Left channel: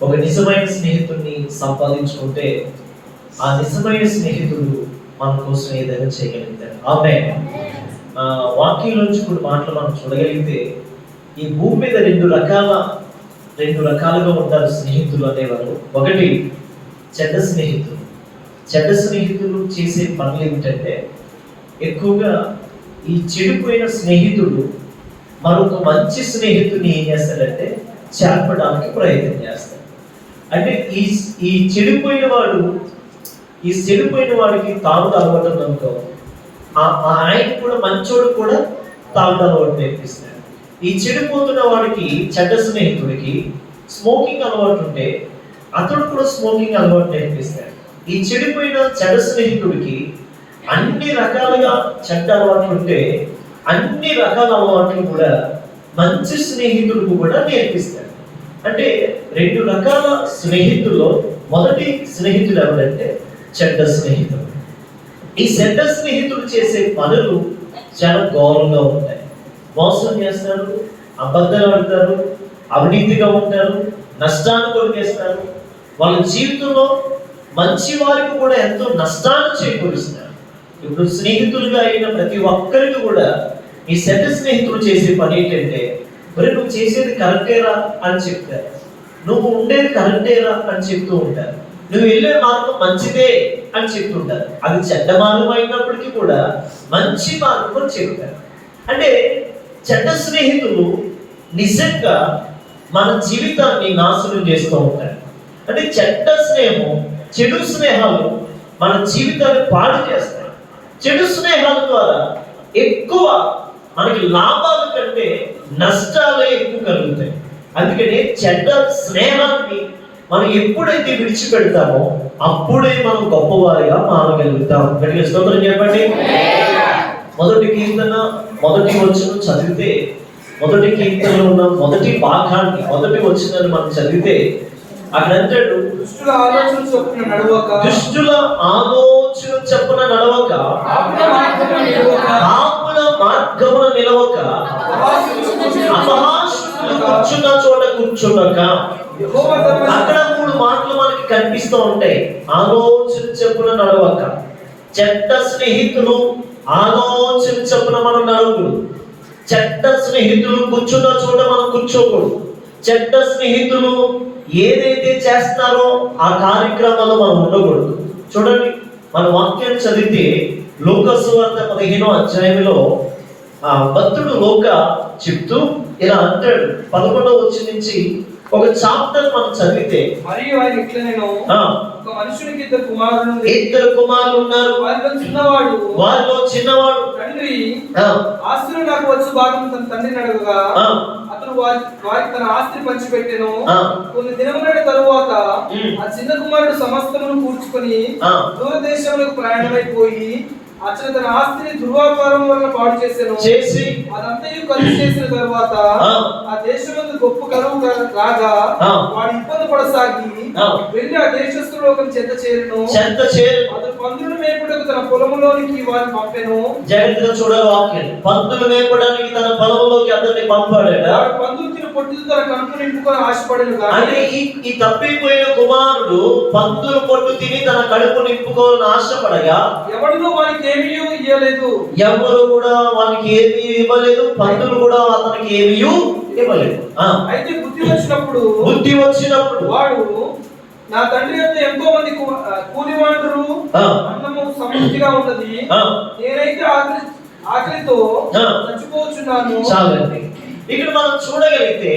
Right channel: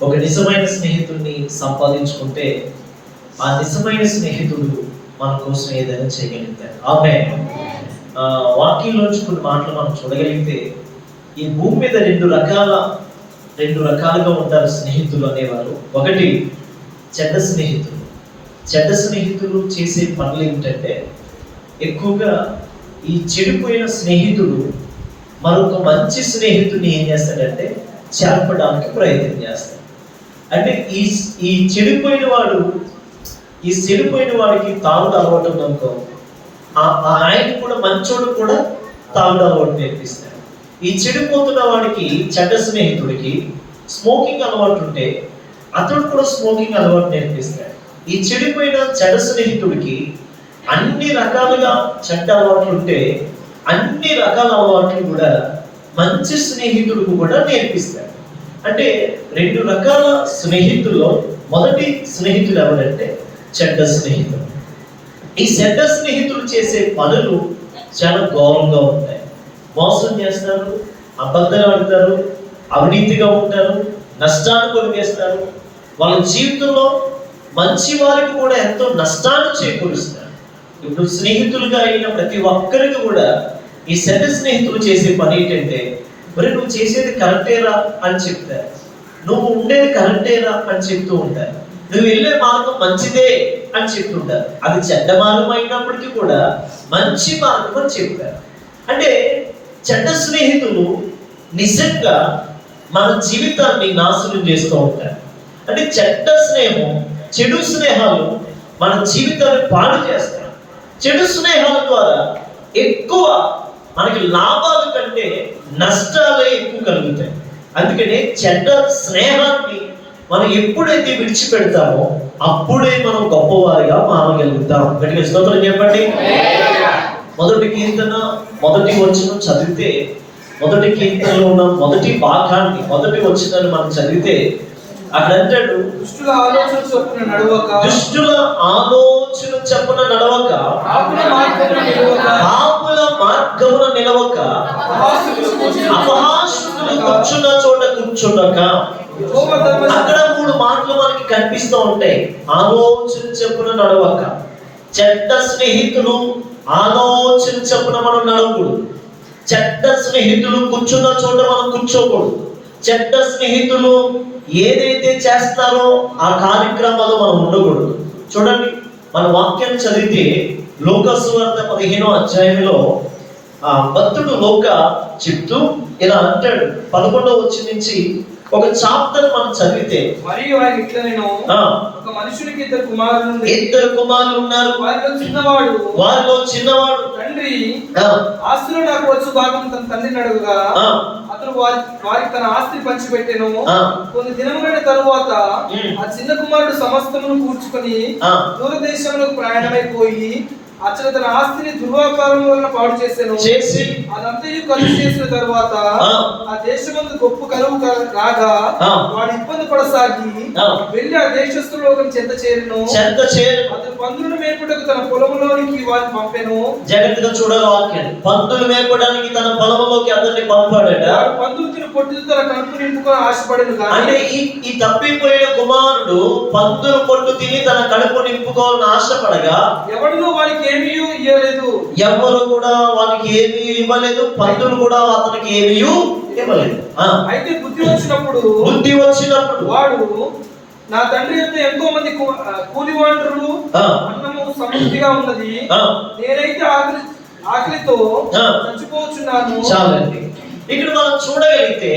ఒక నిజమైన స్నేహితుడిని సంపాదించుకుంటే ఆ నిజమైన స్నేహితుడు మన కోసం ఏదైనా చేయగలుగుతాడు. ఆమేన్. వాక్యంలోంచి కొన్ని మాటలు మనం చూడగలిగితే ఈ భూమి మీద రెండు రకాలుగా ఉంటారు స్నేహితులు అనేవారు. ఒకటి చెడ్డ స్నేహితులు. చెడ్డ స్నేహితులు చేసే పనులు ఏమిటంటే ఎక్కువగా ఈ చెడిపోయిన స్నేహితుడు మరొక మంచి స్నేహితుడిని ఏం చేస్తాడంటే చేర్పడానికి ప్రయత్నం చేస్తాడు. అంటే ఈ చెడిపోయిన వాడికి తాగుడు అలవాటు ఉందనుకో, ఆయన కూడా మంచోడు కూడా తాగుడు అలవాటు నేర్పిస్తాడు. ఈ చెడిపోతున్న వాడికి చెడ్డ స్నేహితుడికి స్మోకింగ్ అలవాటు ఉంటే అతడు కూడా స్మోకింగ్ అలవాటు నేర్పిస్తాడు. ఈ చెడిపోయిన చెడ్డ స్నేహితుడికి అన్ని రకాలుగా చెడ్డ అలవాట్లు ఉంటే అన్ని రకాల అలవాట్లు కూడా మంచి స్నేహితుడికి కూడా నేర్పిస్తాడు. అంటే రెండు రకాల స్నేహితుల్లో మొదటి స్నేహితుడు ఎవరంటే చెడ్డ స్నేహితుడు. ఈ చెడ్డ స్నేహితులు చేసే పనులు చాలా ఘోరంగా ఉంటాయి. మోసం చేస్తారు, అబద్ధాలు ఆడతారు, అవినీతిగా ఉంటారు, నష్టాన్ని కొనివేస్తారు. వాళ్ళ జీవితంలో మంచి వారికి కూడా ఎంతో నష్టాన్ని చేకూరుస్తారు. ఇప్పుడు స్నేహితులుగా అయిన ప్రతి ఒక్కరికి కూడా ఈ చెడ్డ స్నేహితులు చేసే పని ఏంటంటే, మరి నువ్వు చేసేది కరెక్టేరా అని చెప్తారు, నువ్వు ఉండేది కరెక్టేరా అని చెప్తూ ఉంటారు, నువ్వు వెళ్ళే మార్గం మంచిదే అని చెప్తుంటారు. అది చెడ్డ మార్గం అయినప్పటికీ కూడా మంచి మార్గం అని చెప్తారు. అంటే చెడ్డ స్నేహితులు నిజంగా మన జీవితాన్ని నాశనం చేస్తూ ఉంటారు. అంటే చెడు స్నేహాలు మన జీవితాన్ని పాడు చేస్తాయి. చెడు స్నేహాల ద్వారా ఎక్కువ మనకి లాభాల కంటే నష్టాలే ఎక్కువ కలుగుతాయి. అందుకనే చెడ్డ స్నేహాన్ని మనం ఎప్పుడైతే విడిచిపెడతామో అప్పుడే మనం గొప్పవారిగా మారగలుగుతాం. గట్టిగా స్తోత్రం చెప్పండి. మొదటి కీర్తన మొదటి వచనం చదివితే, మొదటి కీర్తనలో ఉన్న మొదటి భాగాన్ని మొదటి వచనాన్ని మనం చదివితే అక్కడ అంటాడు, దుష్టుల ఆలోచన చొప్పున నడవక పాపుల మార్గమున నిలవక అపహాస్యులు కూర్చున్న చోట కూర్చుండక. అక్కడ మూడు మాటలు మనకి కనిపిస్తూ ఉంటాయి. ఆలోచన చొప్పున నడవక. చెడ్డ స్నేహితులు ఆలోచన చొప్పున మనం నడవకూడదు. చెడ్డ స్నేహితులు కూర్చున్న చోట మనం కూర్చోకూడదు. చెడ్డ స్నేహితులు ఏదైతే చేస్తారో ఆ కార్యక్రమాలు మనం ఉండకూడదు. చూడండి, మన వాక్యాన్ని చదివితే లూకా సువార్త 15వ అధ్యాయంలో భక్తుడు లూకా చెప్తూ ఇలా అంటాడు. 11వ వచనం నుంచి ఒక చాప్టర్ మనం చదివితే, మరియు ఆయన ఇట్లనేను, ఒక మనుషునికి ఇద్దరు కుమారులు ఉన్నారు. వారిలో చిన్నవాడు తండ్రి ఆస్తిలో నాకు వచ్చు భాగం తన తండ్రిని అడగగా అతను వారికి తన ఆస్తిని పంచిపెట్టెను. కొన్ని దినములైన తరువాత ఆ చిన్న కుమారుడు సమస్తమును కూర్చుకొని దూరదేశములకు ప్రయాణమైపోయి అతను తన ఆస్తిని దుర్వ్యాపారం వలన పాడు చేసి అదంతయు ఖర్చు చేసిన తర్వాత ఆ దేశమందు గొప్ప కరువు రాగా వాడు ఇబ్బంది పడసాగి వెళ్ళి ఆ దేశస్తులో ఒక చెంత చేరును. అతను పందులను మేపుటకు తన పొలంలోనికి వారిని పంపెను. జాగ్రత్తగా చూడాలి వాక్యం. పందులు మేపడానికి తన పొలంలోకి అతన్ని పంపాడు. పందులు తిని పొట్టుతో తన కడుపు నింపుకొని ఆశపడను. అంటే ఈ తప్పిపోయిన కుమారుడు పందులు పొట్టు తిని తన కడుపు నింపుకోవాలని ఆశపడగా ఎవరిలో వారికి ఏమీ ఇవ్వలేదు. ఎవరు కూడా వానికి ఏమీ ఇవ్వలేదు. పందులు కూడా అతనికి ఏమీ ఇవ్వలేదు. అయితే బుద్ధి వచ్చినప్పుడు వాడు, నా తండ్రి యొక్క ఎంతో మంది కూలివాండ్రులు అన్నము సమృద్ధిగా ఉన్నది, నేనైతే ఆకలితో చచ్చిపోతున్నాను. చాలండి. ఇక్కడ మనం చూడగలిగితే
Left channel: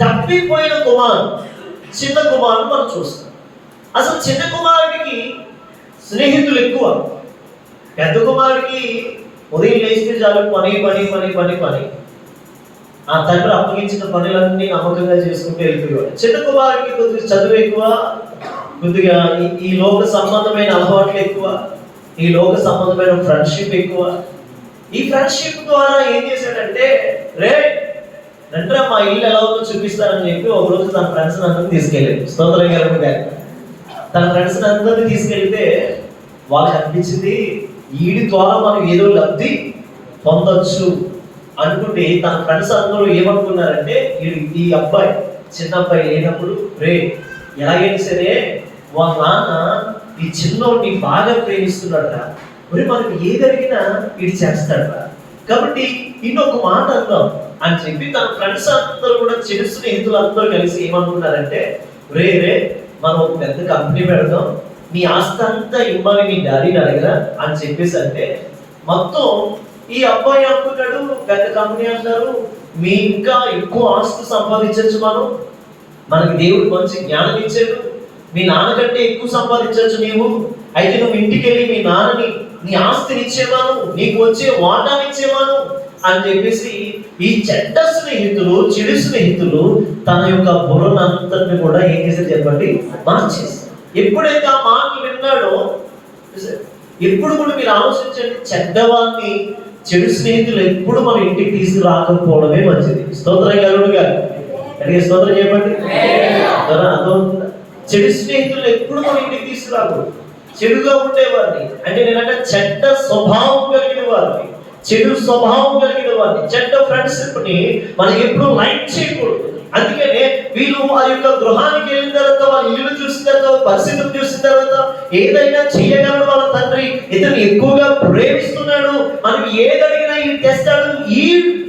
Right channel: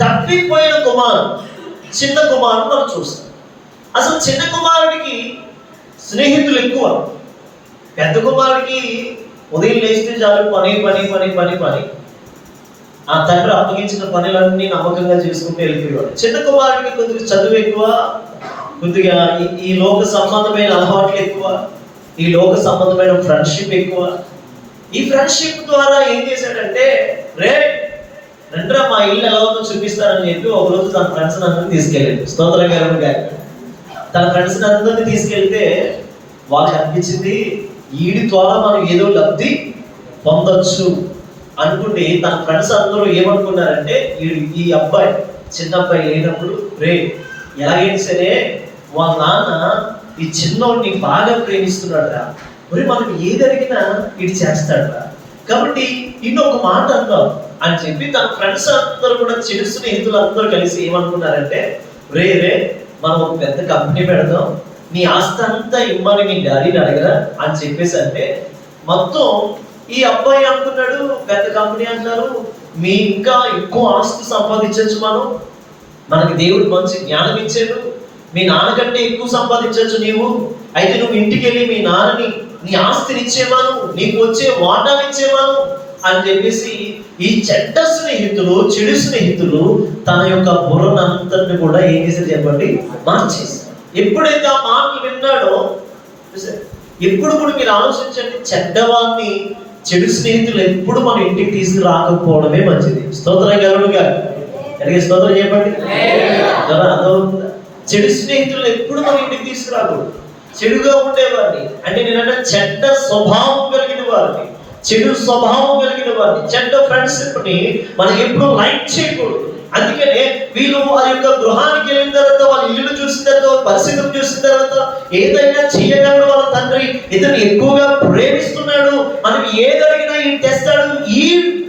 తప్పిపోయిన చిన్న కుమారుడు మనం చూస్తాం. అసలు చిన్న కుమారుడికి స్నేహితులు ఎక్కువ. పెద్ద కుమారుడికి ఉదయం లేస్తే చాలు పని పని పని పని పని ఆ తండ్రి అప్పగించిన పనులన్నీ నమ్మకంగా చేసుకుంటూ వెళ్ళిపోయాడు. చిన్న కుమారుడికి కొద్దిగా చదువు ఎక్కువ, కొద్దిగా ఈ లోక సంబంధమైన అలవాట్లు ఎక్కువ, ఈ లోక సంబంధమైన ఫ్రెండ్షిప్ ఎక్కువ. ఈ ఫ్రెండ్షిప్ ద్వారా ఏం చేశాడంటే, రండ్రా మా ఇల్లు ఎలా ఉందో చూపిస్తారని చెప్పి ఒక రోజు తన ఫ్రెండ్స్ అందరినీ తీసుకెళ్ళాడు. స్తోత్రం గారు తన ఫ్రెండ్స్ అందరినీ తీసుకెళ్తే వాళ్ళకి అనిపించింది, వీడి ద్వారా మనం ఏదో లబ్ధి పొందొచ్చు అనుకుంటే తన ఫ్రెండ్స్ అందరూ ఏమనుకున్నారంటే, ఈ అబ్బాయి చిన్నబ్బాయి లేనప్పుడు రే ఎలాగైనా సరే వాళ్ళ నాన్న ఈ చిన్నోడిని బాగా ప్రేమిస్తున్నాడు రా, మరి మనకి ఏది అడిగినా ఇది చేస్తాడు రా, కాబట్టి ఇంకొక మాట అందాం అని చెప్పి తన ఫ్రెండ్స్ అందరూ కూడా చెడు స్నేహితులు అందరూ కలిసి ఏమనుకున్నారంటే రే మనం ఒక పెద్ద కంపెనీ పెడదాం, నీ ఆస్తి అంతా ఇవ్వాలి మీ డాడీని అడగరా అని చెప్పేసి అంటే మొత్తం ఈ అబ్బాయి అనుకున్నాడు పెద్ద కంపెనీ అంటారు, మీ ఇంకా ఎక్కువ ఆస్తి సంపాదించవచ్చు, మనకి దేవుడు మంచి జ్ఞానం ఇచ్చాడు, మీ నాన్నకంటే ఎక్కువ సంపాదించవచ్చు నీవు, అయితే నువ్వు ఇంటికి వెళ్ళి మీ నాన్నని నీ ఆస్తిని ఇచ్చేవాను, నీకు వచ్చే వాటాలు ఇచ్చేవాను అని చెప్పేసి ఈ చెడ్డ స్నేహితులు చెడు స్నేహితులు తన యొక్క బుర్రనంతటిని కూడా ఏం చేశారు చెప్పండి, మార్చేశారు. ఎప్పుడైతే ఆ మాటలు విన్నాడో ఎప్పుడు కూడా మీరు ఆలోచించండి, చెడ్డవాన్ని చెడు స్నేహితులు ఎప్పుడు మన ఇంటికి తీసుకురాకపోవడమే మంచిది. స్తోత్రం కలుగుగా అలాగే స్తోత్రం చెప్పండి. అర్థమవుతుందా? చెడు స్నేహితులు ఎప్పుడు మన ఇంటికి తీసుకురాకూడదు. చెడుగా ఉండేవారిని అంటే నేనంటే చెడ్డ స్వభావం కలిగిన వారిని, చెడు స్వభావం కలిగిన వారిని, చెడ్డ ఫ్రెండ్షిప్ ని మనం ఎప్పుడు లైక్ చేయకూడదు. అందుకనే వీళ్ళు వారి యొక్క గృహానికి వెళ్ళిన తర్వాత వాళ్ళ ఇల్లు చూసిన తర్వాత పరిస్థితులు చూసిన తర్వాత ఏదైనా చేయగలడు వాళ్ళ తండ్రి, ఇతను ఎక్కువగా ప్రేమిస్తున్నాడు, మనం ఏది అడిగినా ఈ తెస్తాడు,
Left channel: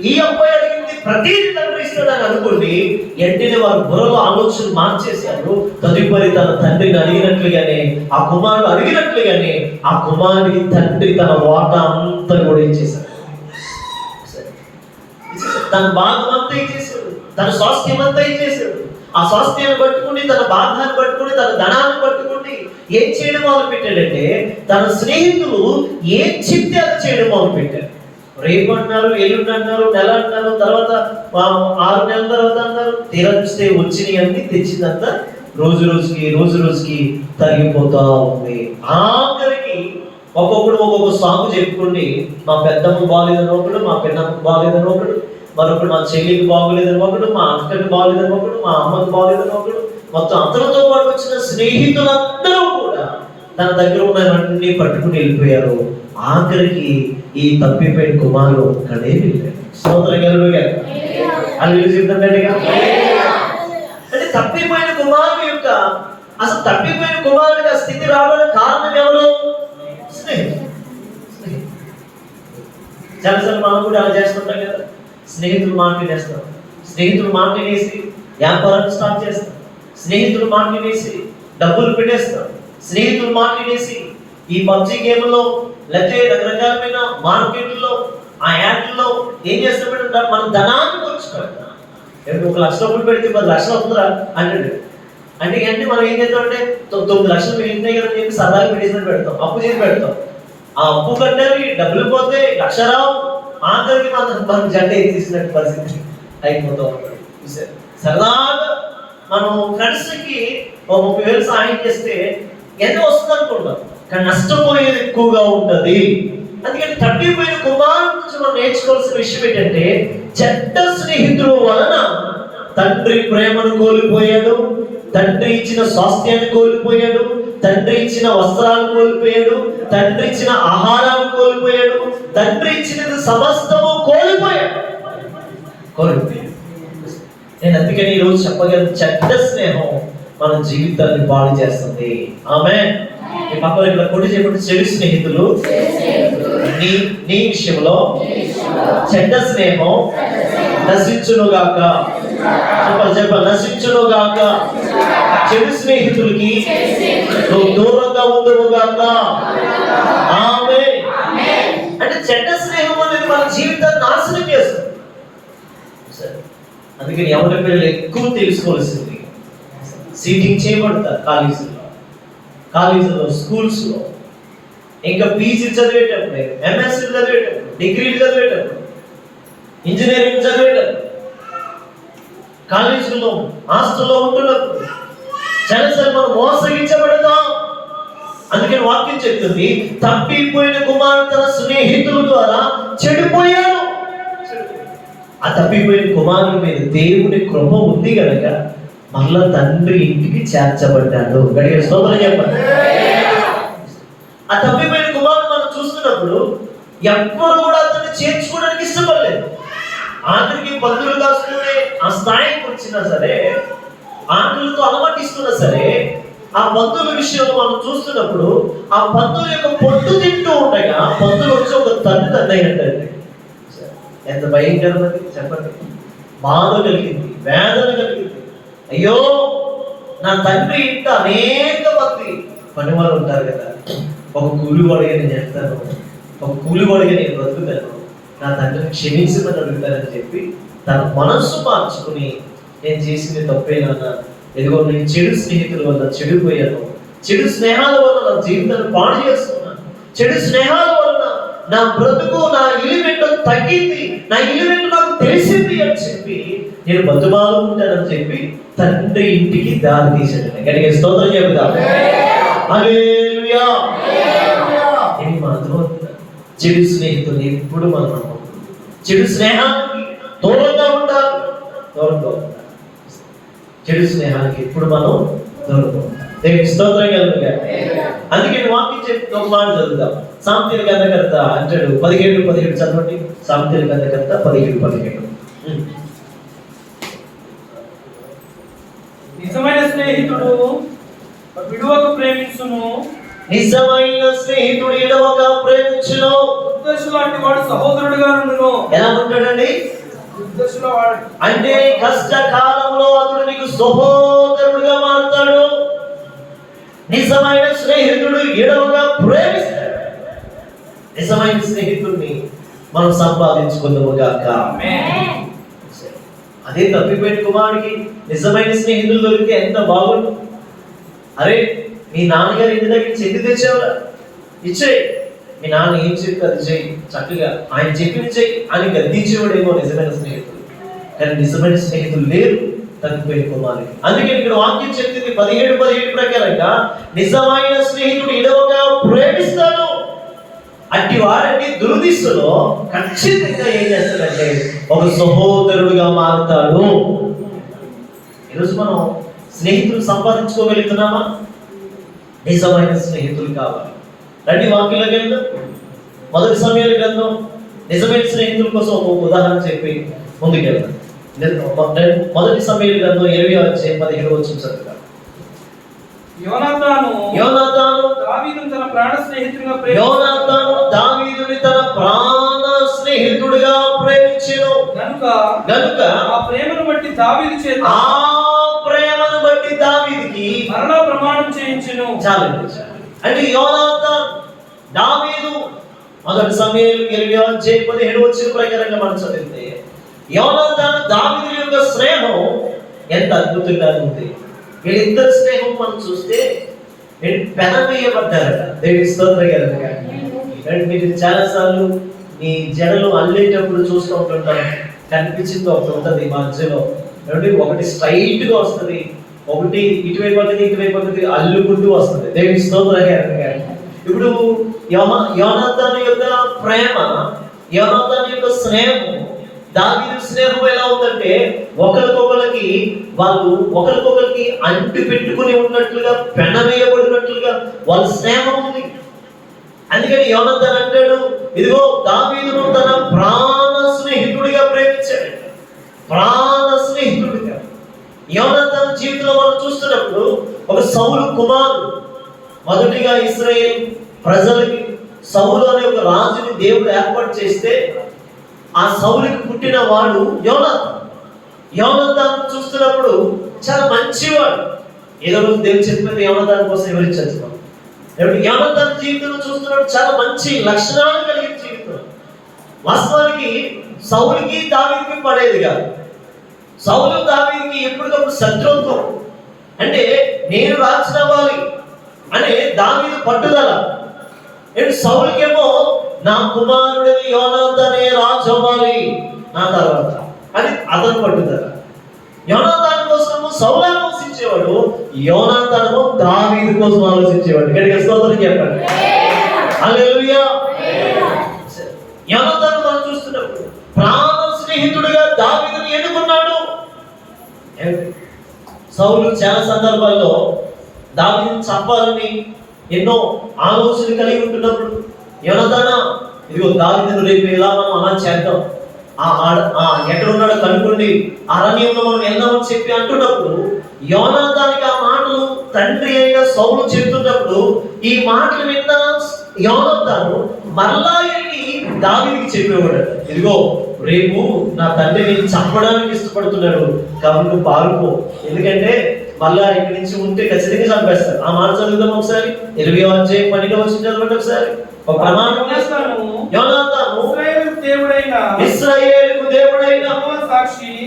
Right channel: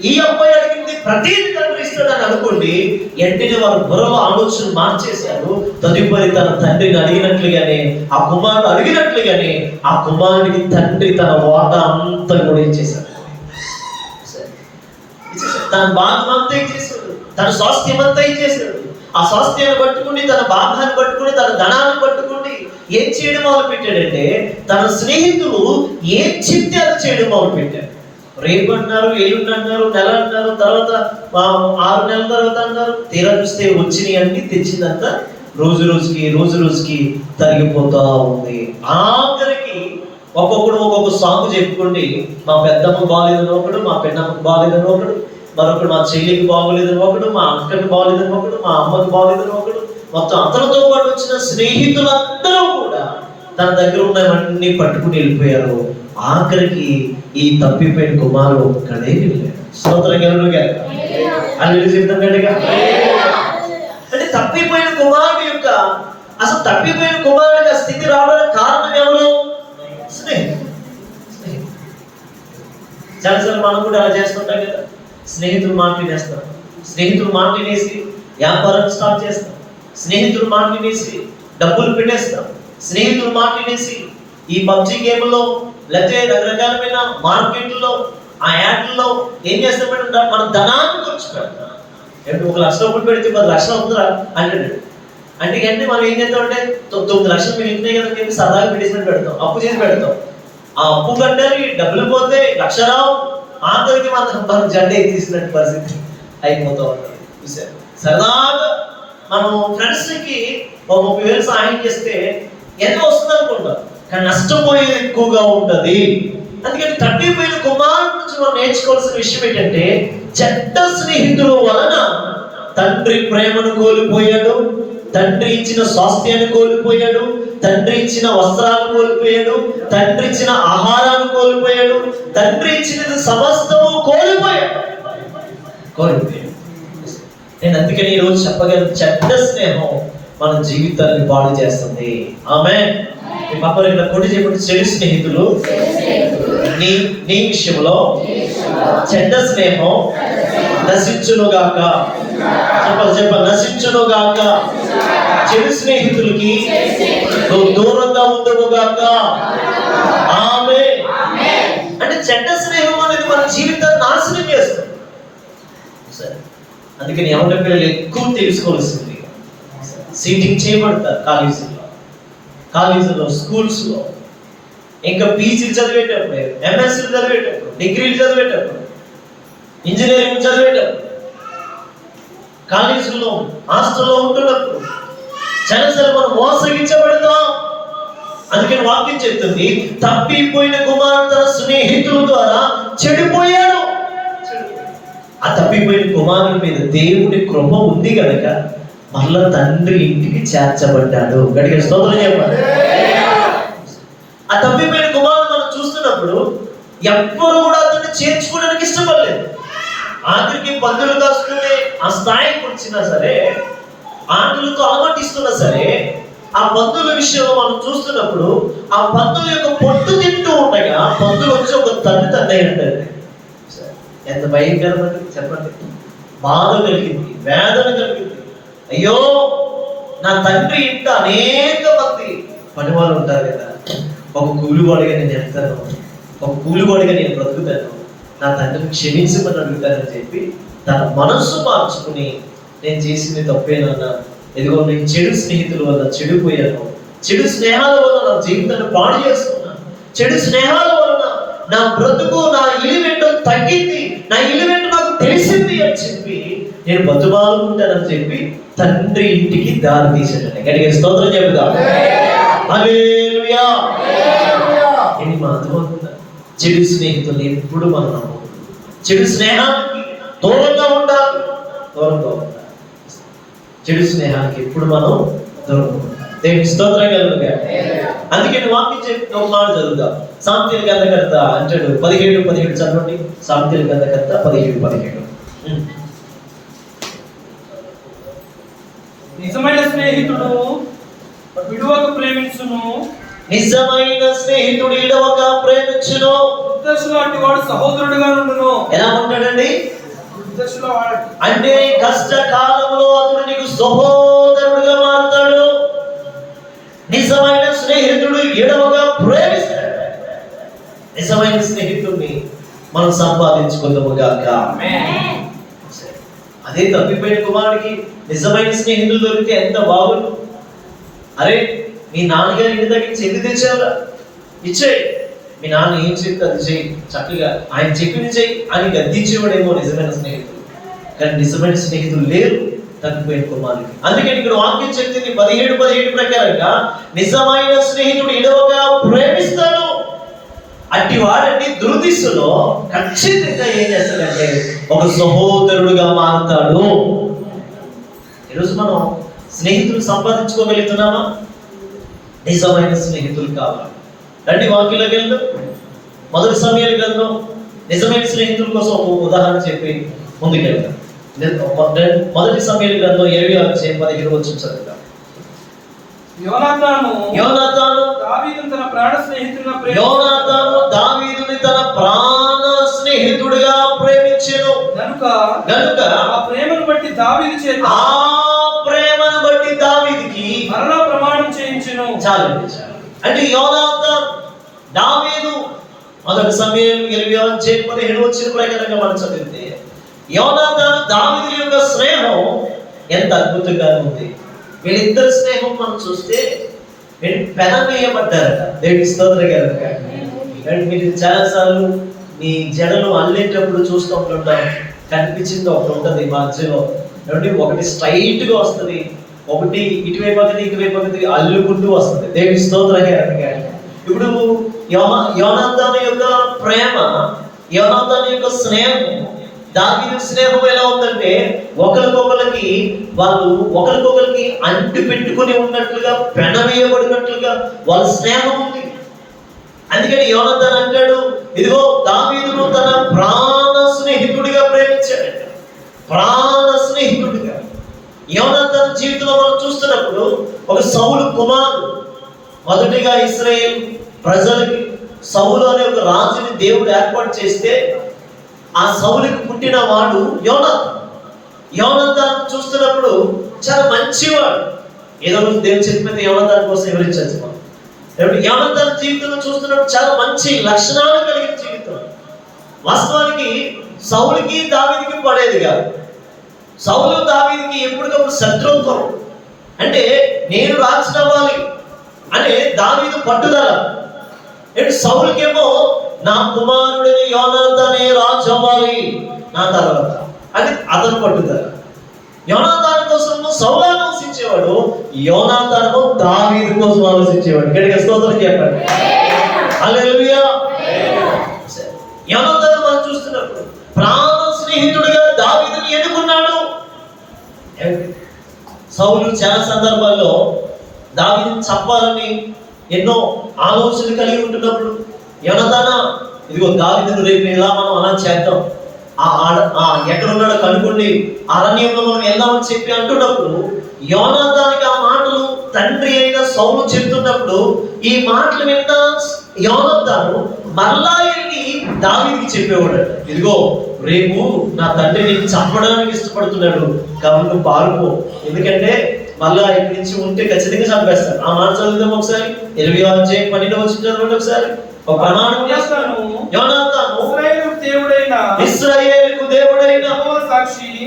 ఈ అబ్బాయి అడిగింది ప్రతిదీ తండ్రి ఇస్తాడు అని అనుకోండి, వెంటనే వారు బుర్రలో ఆలోచన మార్చేశారు. తదుపరి తన తండ్రిని అడిగినట్లుగానే ఆ కుమారుడు అడిగినట్లుగానే ఆ కుమారుడికి తండ్రి తన వాటా అంతా కూడా ఇచ్చేశాడు. తన భాగం అంతా ఇచ్చేశాడు, తన స్వాస్థ్యం అంతా ఇచ్చేశాడు. ఆ స్వాస్థ్యాన్ని పట్టుకుని తన భాగాన్ని పట్టుకుని తన ధనాన్ని పట్టుకుని ఏం చేయడం మొదలు పెట్టాడంటే తన స్నేహితులు ఏం చెప్తే అది చేయడం మొదలు పెట్టాడు. రేపు అన్నారు, ఎల్లుండి అన్నారు, నెల అన్నారు, తర్వాత 6 నెలల తర్వాత అన్నారు, తీరా చూస్తే వచ్చినాయి అన్ని తెచ్చిందంతా రోజు రోజుకి తరిగిపోతా ఉంది. ఆఖరికి ఒక్కొక్కడు ఒక్కొక్క సాంగ్ చెప్పుకోండి, మా పెద్దమ్మ బాగాలేదని ఒకడు, మా పెద్దమ్మ బాగాలేదని ఒకడు, మరొకడు మా చెల్లికి బాగోలేదని ఒకడు, మా అక్కకి బాగోలేదని ఒకడు, మా అమ్మకి బాగోలేదని ఒకడు, మొత్తం అతనితో పాటు వచ్చిన స్నేహితులందరూ కూడా తన దగ్గర ఉన్నవన్నీ పట్టుకుని వెళ్ళిపోయారు. ఆఖరికి ఈ తప్పిపోయిన కుమారుడు ఒక్కడే వెళ్ళాడు. స్తోత్రగలుగా అల్లు చెప్తాం గట్టిగా. అంటే తప్పిపోయిన కుమారుడు యొక్క అసలు తప్పిపోయిన కుమారుడికి ఆ స్థితి రావడానికి కారణం ఎవరు? స్నేహితులు. చాలాసార్లు మనం కూడా అలా చేస్తుంటాం కదా, స్నేహితులు మాట వినేస్తాం, స్నేహితులు మాట వినేసి వ్యాపారం స్టార్ట్ చేస్తాం, స్నేహితులు మాట వినేసి డబ్బులు పెట్టేస్తాం, స్నేహితులు మాట వినేసి ఈ పబ్జి గేమ్లో లేకపోతే రకరకాలమైన మార్కెట్లో ఆ యాడ్లలో ఏం చేస్తామంటే మన ధనాన్ని ఖర్చు పెడతాం. 1 లక్ష రూపాయలు పెడితే 10 లక్షలు అవుతుందా అంటాడు. అంటే మనం ఏం చేస్తామంటే 9 లక్షలు మీరు ఇంటినే కదా చెప్పి సరదాగా పెట్టేసినట్టు పెడతాం, అప్పు చేసి పెడతాం. ఆ అప్పు కట్టాలి, డబ్బులు పోతే 1 లక్ష రావు, ఆఖరికి మనం జెండా తీసినట్టు పరిస్థితి అయిపోతూ ఉంటుంది. సరదాగా మనం ఫ్రెండ్స్కి 30,000 సాయం చేస్తే ఎంత వస్తుంది అనుకుంటాం, కానీ నష్టపోయేది ఎక్కువగా ఉంటుంది. అందుకని తప్పిపోయిన కుమారుడు నుంచి మనం నేర్చుకోవాల్సిన విషయం ఏంటంటే చెడ్డ స్నేహితుల వలన తండ్రి ప్రేమను కోల్పోయాడు, తండ్రి ఇచ్చిన స్వాస్థ్యాన్ని కోల్పోయాడు, తండ్రి ఇచ్చిన వస్త్రాలను కోల్పోయాడు, తండ్రి ఇచ్చిన ఆహారాన్ని కోల్పోయాడు, తండ్రి ఇచ్చినది సమస్తము కోల్పోయాడు. నేను అందుకని ఈరోజు చెప్పగలను, చెడ్డ స్నేహం మన జీవితాన్ని పాడు చేస్తుంది. ఆమేన్. ఈ పక్కన కొట్టి చెప్పండి, చెడు స్నేహితులు నీ విషయంలో చెడ్డ స్నేహం నశించునుగాక. చెప్పాలి నశించునుగాక. చెడు స్నేహితులకి నువ్వు దూరంగా ఉండునుగాక. ఆమేన్. అంటే చెడ్డ స్నేహం అనేది మన జీవితాన్ని నాశనం చేస్తుంది. అందుకని ఎవరి పిల్లలు ఎక్కువ తెలుసుకోవాల్సింది, సీటింగ్ చేయబడతారు కాలేజీలో స్కూల్స్లో, ఇంకా పీజీ చదివేటప్పుడు, ఎంఎస్సీ చదివేటప్పుడు, డిగ్రీలు చదివేటప్పుడు, ఇంజనీరింగ్ చదివేటప్పుడు, కాలేజీలో హాస్టల్లో ఉంటున్నప్పుడు చాలాసార్లు మనం మోసగించబడతాం. అందుకని వాక్యం చెప్తుంది, తప్పిపోయిన కుమారుడు తన స్నేహితుల ద్వారా చెడిపోయాడు. ఆ తప్పిపోయిన కుమారుని మీద దేవుని కృప ఉంది కనుక మళ్ళా తండ్రి ఇంటికి చేర్చబడ్డాడు. గడిగా స్తోత్రం చెప్పండి. ఆ తప్పిపోయిన కుమారుడు మనం చూస్తున్నప్పుడు ఎవ్వరు కూడా అతన్ని చేర్చుకోవడానికి ఇష్టపడలేదు. ఆఖరికి పందులు కాసుకునే ఆ స్థాయికి వచ్చినా సరే, ఆటలతో అలవాటిస్తున్నా సరే, ఆ పందుల విషయంలో మనం చూస్తున్నప్పుడు ఆ పందుల యొక్క పొట్టు తింటూ ఉండగా పందులు వచ్చి ఒక తన్నాయి అంటారు. ఎంత భయంకరమైనది చెప్పండి. బాధ కలిగింది, వేదన కలిగింది. అయ్యో, నా తండ్రి ఇంట అనేక మంది పనివాళ్ళు ఉంటారు కదా, ఒక కూలివాడిగా నేను చెప్తాను, ఒక కూలివాడిగా నేను బ్రతుకుతాను, నా తండ్రిని క్షమించమని అడుగుతానని చెప్పి తన మనస్సు మార్చుకుని, నేను చేసింది తప్పేనన్నా, ఇదిగో నేను చెడు స్నేహితుల వల్ల చెడిపోయాను, చెడు స్నేహాల వల్ల నా జీవితాన్ని పాడు చేసుకున్నాను, చెడు స్నేహాల వల్ల నా బ్రతుకు, నా ఈవెంట్ తగ్గింది, నా ఈవెంట్ నాకు తెలిసింది అని చెప్పి నేను బతుమాలుకుంటానని చెప్పి తండ్రి ఇంటికి దారి తీసాడు. గట్టిగా స్తోత్రం చెబుదాం. హల్లెలూయా. ఇది అర్థమవుతుందా? చెడు స్నేహితులు ఎప్పుడు మనం చెడు స్నేహానికి దూరంగా ఉండాలి, దూరంగా ఉండాలి. చెడు స్నేహానికి ఎప్పుడు మనం దూరంగా ఉండాలి. దేవునికి స్తోత్రం కలుగుగా. అందుకే వాక్యం చెప్పి ఒక మాట చదువుదాం. సామెతల గ్రంథకర్త అంటాడు 17:17 చదవండి. సామెతల గ్రంథకర్త 17:17. నిజమైన స్నేహితుడు విడువక ప్రేమించును, నిజమైన స్నేహితుడు విడువక ప్రేమించును. దుర్దశలో అట్టి వాడు సహోదరుడిగా నుండును. ఎలా ఉంటాడండి? దుర్దశలో వాడు అంటే కష్టకాలంలో అతడు నీకు సహోదరుడుగా మారుతాడు. నిజమైన స్నేహితుడు విడువక ప్రేమిస్తాడు. నిజమైన స్నేహితుడిని మనం సంపాదించుకుందాము గాక. అదే తప్పిపోయిన కుమారుడికి నిజమైన స్నేహితులు దొరికితే ఎంత బాగుండు. అరే, మీ నాన్నగారి ఇంటి దగ్గర చెంది తెచ్చావురా, ఇచ్చేయి, మీ నాన్న ఏం చెప్తే అది చేయి, చక్కగా ఆయన చెప్పింది చేయి అని గద్దించేవాడేమో నిజమైన స్నేహితులు. కానీ నిజమైన స్నేహితులు లేరు తప్పిపోయిన కుమారుడికి. అందుకే ఇక్కడ వాక్యం చెప్తుంది 17:17 ప్రకారంగా నిజమైన స్నేహితుడు విడువక ప్రేమిస్తాడు. అట్టి వారిని దుర్దిశలో ఖచ్చితంగా ఏం చేస్తాడంటే ఒక సహోదరుడుగా మారుతాడు. ఈరోజు మనం స్నేహితులు సంపాదించుకోగలుగుతున్నామా? నిజమైన స్నేహితులు కావాలి. రండి వాక్యంలోకి వెళ్దాం. 1 సమూయేలు గ్రంథం నిజమైన స్నేహితుల కోసం ఒక ఉదాహరణ చెప్పి ముందుకెళ్దాం. 1 సమూయేలు గ్రంథం 20:17 చదువుతాం. యోనాతాను దావీదుని తన ప్రాణ స్నేహితుడిగా ప్రేమించెను గనుక ఆ ప్రేమను బట్టి దావీదుకి మరలా ప్రమాణం చేయించెను. చాలండి. అంటే యోనాతాను దావీదు 1 సమూయేలు 20:17 ప్రకారంగా మనం చదివితే యోనాతాను దావీదు యొక్క స్నేహం ఎంత అద్భుతంగా ఉంది. వీళ్ళిద్దరు స్నేహం మనం చూస్తే వీళ్ళు పెనవేయబడ్డారట. దేవునికి స్తోత్రం కలుగుగా. మీరు చాలాసార్లు మీ జడలు అల్లేటప్పుడు చూస్తూ ఉంటుంటాం, కనిపించింది ఒకటి ఉంటుంది మధ్యలో, ఒకటి స్ట్రైట్ గా వస్తుంది, ఒకటి ఇటువైపు ఒకటి ఇటువైపు ఒకటి అల్లుకుంటూ వస్తుంది. దేవునికి స్తోత్రం కలుగుగా. ఇప్పుడు యోనాతాను యొక్క ప్రేమ, యోనాతాను యొక్క స్నేహం, దావీదు స్నేహం ఎలా ఉందంటే ఒకరికొకరికి అంటి పెట్టుకుని ఉన్నట్లుగా, పెనవేయబడినట్లుగా వాళ్ళ స్నేహం ఉంది. అందుకని యోనాతాను అంటాడు, ఇదిగో దావీదును తన ప్రాణ స్నేహితుడిగా ప్రేమించాడు. ప్రాణ స్నేహితుడిగా. యోనాతాను జీవితంలో మనం చూస్తున్నప్పుడు ఒక సౌలు కుమారుడు, మొదటిగా ఇశ్రాయేలు ప్రజలకి సౌలు అనే ఒక రాజుని దేవుడు ఏర్పాటు చేస్తే ఆ సౌలుకి పుట్టిన వాడు యోనాతాను చూస్తున్నప్పుడు చాలా మంచివాడు. ఏదో రోజు దేవుడు చెప్పిన యోనాతాను కోసం వివరించవచ్చు. యోనాతాను జీవితంలో చూస్తున్నప్పుడు చాలా మంచి లక్షణాలు కలిగిన జీవితం. వాస్తవానికి సౌలుకి దావీదుకి పడేది కాదు. సౌలు దావీదుకి ఎప్పటికప్పుడు శత్రుత్వం. అంటే నేను రాజు అవ్వాలి అనే దావీదు పట్టుదల. సౌలుకేమో నా కుమారుడిని యోనాతానే రాజు అవ్వాలి నా తర్వాత అని అతను పట్టుదల. యోనాతాను కోసం సౌలు ఆలోచించేవాడు, యోనాతాను దావీదు కోసం ఆలోచించేవాడు. గట్టిగా స్తోత్రం చెప్పండి. హల్లెలూయా. యోనాతాను మనం చూస్తున్నప్పుడు ప్రాణ స్నేహితుడిగా దావీదుని ఎన్నుకున్నాడు. సౌలు చాలా సందర్భాల్లో దావీదుని చంపాలని ఎన్నో ఆలోచనలు కలిగి ఉంటున్నప్పుడు యోనాతాను, ఇదిగో దావీదును రేపు ఎలా మనం అలా చేద్దాం, ఎక్కడున్నాడో కనుక్కోండి, అరణ్యంలో మనం వెళ్దామని చెప్పి అంటున్నప్పుడు యోనాతానికి ఆ మాటలు తండ్రి అయిన సౌలు చెప్తున్నప్పుడు ఈ మాటలు విన్న యోనాతాను మరలా వెళ్ళి దావీదుకి చెప్పేవాడు, ఇదిగో రేపు నా తండ్రిని చంపడానికి ఇష్టపడుతున్నాడు కాబట్టి నువ్వు పారిపో, ఎందుకంటే మళ్ళా ఇక్కడి నుంచి ఉంటే ఖచ్చితంగా చంపేస్తారు. ఆ మాట చదువుదాం ఒకసారి. 20వ అధ్యాయం 12వ వచనం చదవండి ఒకసారి. ఒక ప్రమాణం చేస్తాను, యోనాతాను ఇశ్రాయేలుకు దేవుడైన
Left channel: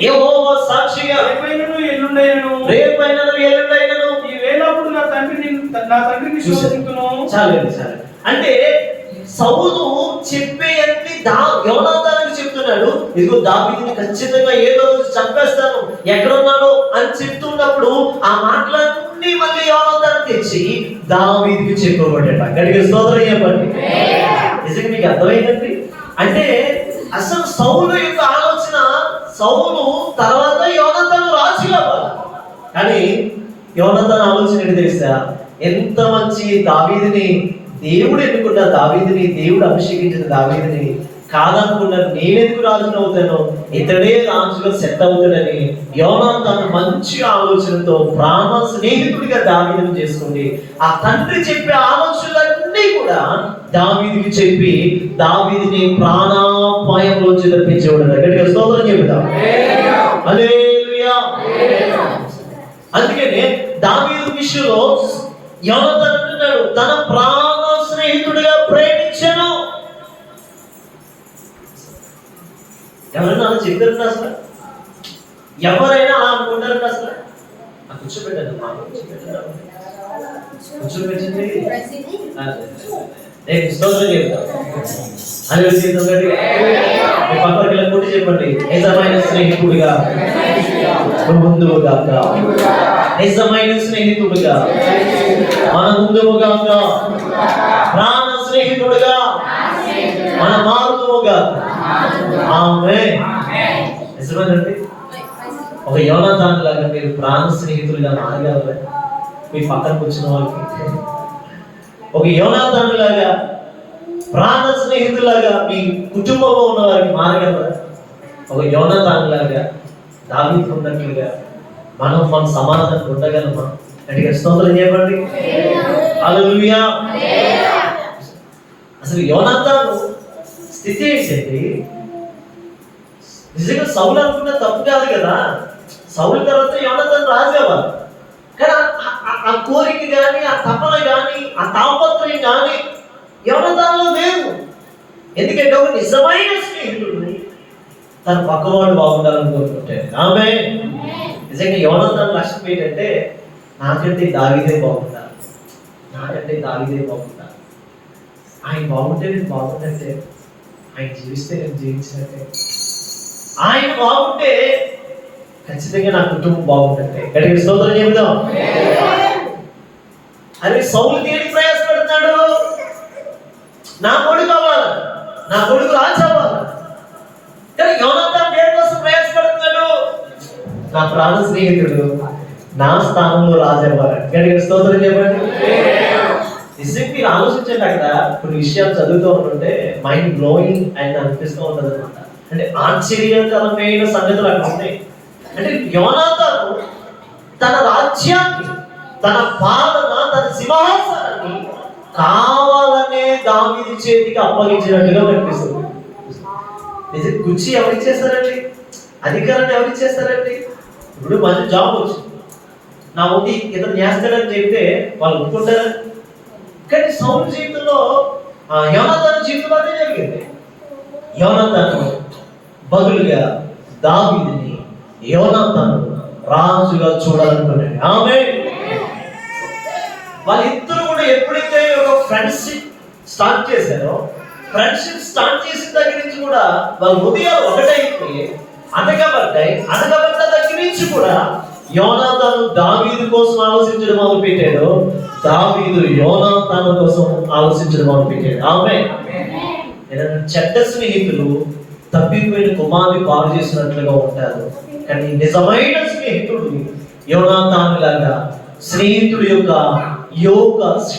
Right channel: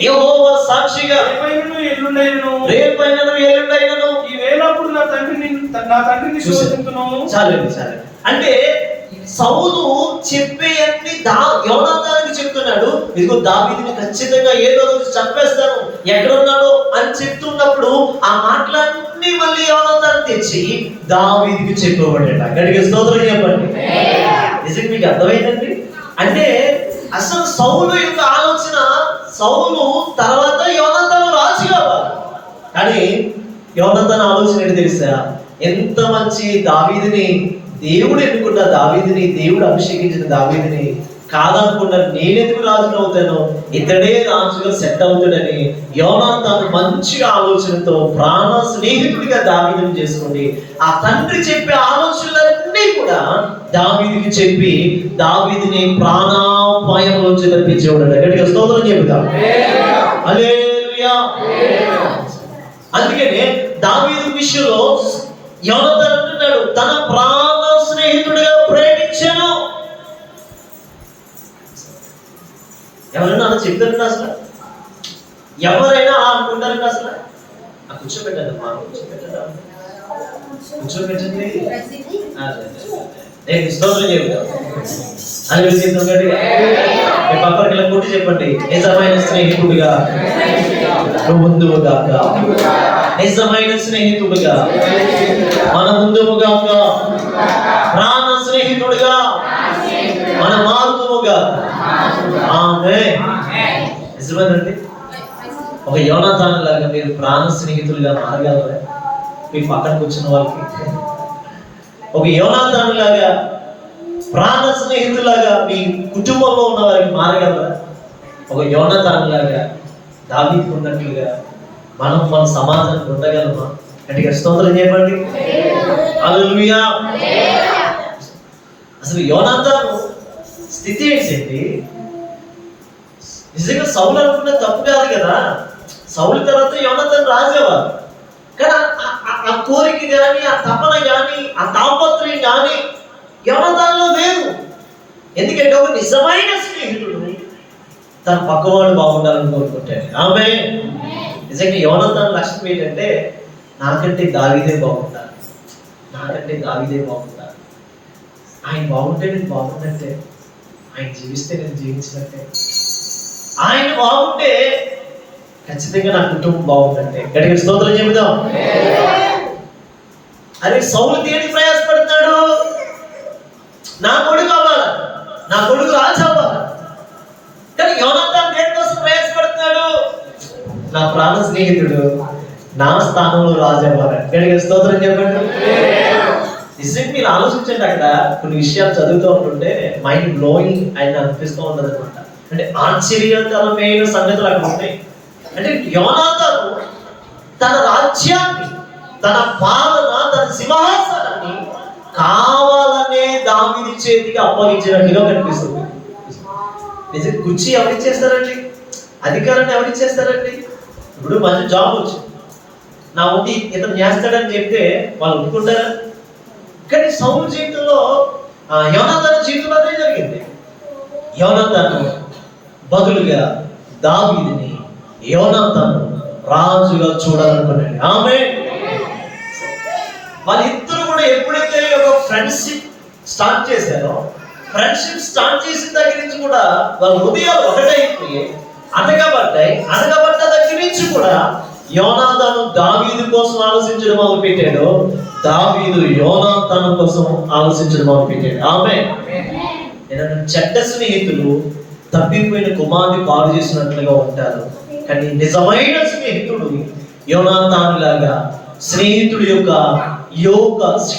యెహోవా సాక్షిగా రేపైనను ఎల్లుండైనను ఈ వేళప్పుడు నా తండ్రిని శోధించును. చాలు. అంటే సౌలు చెప్పే అన్ని యోనాతానికి చెప్తున్నాడు, ఇదిగో దావీదుని ఖచ్చితంగా ఏదో రోజు చంపేస్తాను, ఎక్కడున్నాడో అని చెప్తున్నప్పుడు ఆ మాటలన్నీ మళ్ళీ యోనాతాను తెచ్చి దావీదుకి చెప్పబడ్డాడు. అక్కడికి స్తోత్రం చెప్పండి. నిజంగా మీకు అర్థమైందండి? అంటే అసలు సౌలు యొక్క ఆలోచన, సౌలు తర్వాత యోనాతాను రాజు కావాలి, కానీ యోనాతాను ఆలోచన ఏంటి తెలుసా? ఎంత మంచి దావీదుని దేవుడు ఎన్నుకున్న దావీదుని, దేవుడు అభిషేకించిన దావీదుని కాదనుకున్నారు, నేనెందుకు రాజును అవుతాను, ఇతడే రాజుగా సెట్ అవుతాడని యోనాతాను మంచి ఆలోచనతో ప్రాణ స్నేహితుడిగా దావీదుని చేసుకోండి. ఆ తండ్రి చెప్పే ఆలోచనలన్నీ కూడా దావీదుకి చెప్పి దావీదుని ప్రాణాపాయంలోంచి తప్పించేవాడు. గట్టిగా స్తోత్రం చెబుతాం. హల్లెలూయా. అందుకనే దావీదు విషయంలో యోనాతాను అంటున్నాడు, తన ప్రాణ స్నేహితుడిగా ప్రేమించాను. ఎవరైనా అలా చెప్తారంట? అసలు ఎవరైనా అలా అనుకుంటారంట? అసలు కూర్చోబెట్టండి, మా కూర్చోబెట్టండి. స్తోత్రం చెబుతాం. పక్కకి ఇలా కొట్టి చెప్పండి, నిజమైన స్నేహితుడిగా ముందువు గాక, నిజమైన స్నేహితుడిగా మన ముందువు గాక, ప్రాణ స్నేహితుడిగా మన మారుతువు గాక. ఆమేన్. నిజమేనండి. ఒక యోనాతాను లాగా మీరు ప్రాణ స్నేహితులుగా మారగలరా? మీ పక్కన కూర్చున్న వాళ్ళకి ఒక యోనాతాను లాగా ప్రాణ స్నేహితులాగా మీ కుటుంబంలో ఉన్న వారికి మారగలరా? ఒక యోనాతాను లాగా దావీదుకు ఉన్నట్లుగా మనం మన సమాజానికి ఉండగలమా? గట్టిగా స్తోత్రం చెప్పండి. హల్లెలూయా. అసలు యోనాతాను స్థితి ఏంటండి? నిజంగా సౌలు అనుకున్న తప్పు కాదు కదా, సౌలు తర్వాత యోనాతాను రాజేవారు, కానీ ఆ కోరిక కానీ, ఆ తపన కానీ, ఆ తాపత్రయం కానీ యోనాతానులో లేదు. ఎందుకంటే ఒక నిజమైన స్నేహితుడిని తన పక్కవాడు బాగుండాలని కోరుకుంటాడు. ఆమేన్. నిజంగా యోనాతాను లక్ష్యం ఏంటంటే, నాకంటే దావీదే బాగుంటాను, నాకంటే దావీదే బాగుంటాను, ఆయన బాగుంటే నేను బాగుంటే, ఆయన జీవిస్తే నేను జీవించినట్టే, ఆయన బాగుంటే ఖచ్చితంగా నా కుటుంబం బాగుంటే. గట్టిగా స్తోత్రం చెబుదాం. అరే సౌలు దేని ప్రయాసపడుతున్నాడు? నా కొడుకు కావాలా, నా కొడుకు రాజు అవ్వాలా. కానీ యోనాతాను దేని కోసం ప్రయాసపడుతున్నాడు? నా ప్రాణ స్నేహితుడు నా స్థానంలో రాజు అవ్వాలి. గట్టిగా స్తోత్రం చెప్పండి. నిజంగా మీరు ఆలోచించండి, అక్కడ కొన్ని విషయాలు చదువుతూ ఉంటుంటే మైండ్ బ్లోయింగ్ అని అనిపిస్తూ ఉంటుంది అనమాట. అంటే ఆశ్చర్యకరమైన సంగతులు అక్కడ ఉన్నాయి. అంటే యోనాతాను తన రాజ్యాన్ని, తన పాలన, తన సింహాసనాన్ని కావాలనే దావీదు చేతికి అప్పగించినట్టుగా కనిపిస్తుంది. నిజం కుర్చీ ఎవరిచ్చేస్తారండి? అధికారాన్ని ఎవరిచ్చేస్తారండి? ఇప్పుడు మంచి జాబ్ వచ్చింది, నా ఒకటి ఇతను చేస్తాడని చెప్తే వాళ్ళు ఒప్పుకుంటారా? కానీ సౌలు జీవితంలో, యోనాతాను జీవితంలో అదే జరిగింది. యోనాతాను బదులుగా దావీదుని యోనాతాను రాజుగా చూడాలనుకున్నాడు. ఆమేన్. వాళ్ళిద్దరూ కూడా ఎప్పుడైతే ఒక ఫ్రెండ్షిప్ స్టార్ట్ చేశారో, ఫ్రెండ్షిప్ స్టార్ట్ చేసిన దగ్గర నుంచి కూడా వాళ్ళ హృదయాలు ఒకటైపోయి అడగబడ్డ దగ్గర నుంచి కూడా యోనాతాను దావీదు కోసం ఆలోచించడం మొదలు పెట్టాడు, దావీదు యోనాతాను కోసం ఆలోచించడం మొదలు పెట్టాడు. ఆమేన్. చెడ్డ స్నేహితులు తప్పిపోయిన కుమారుని పాడు చేసినట్లుగా ఉంటారు, కానీ నిజమైన స్నేహితుడు యోనాతాను లాగా స్నేహితుడి యొక్క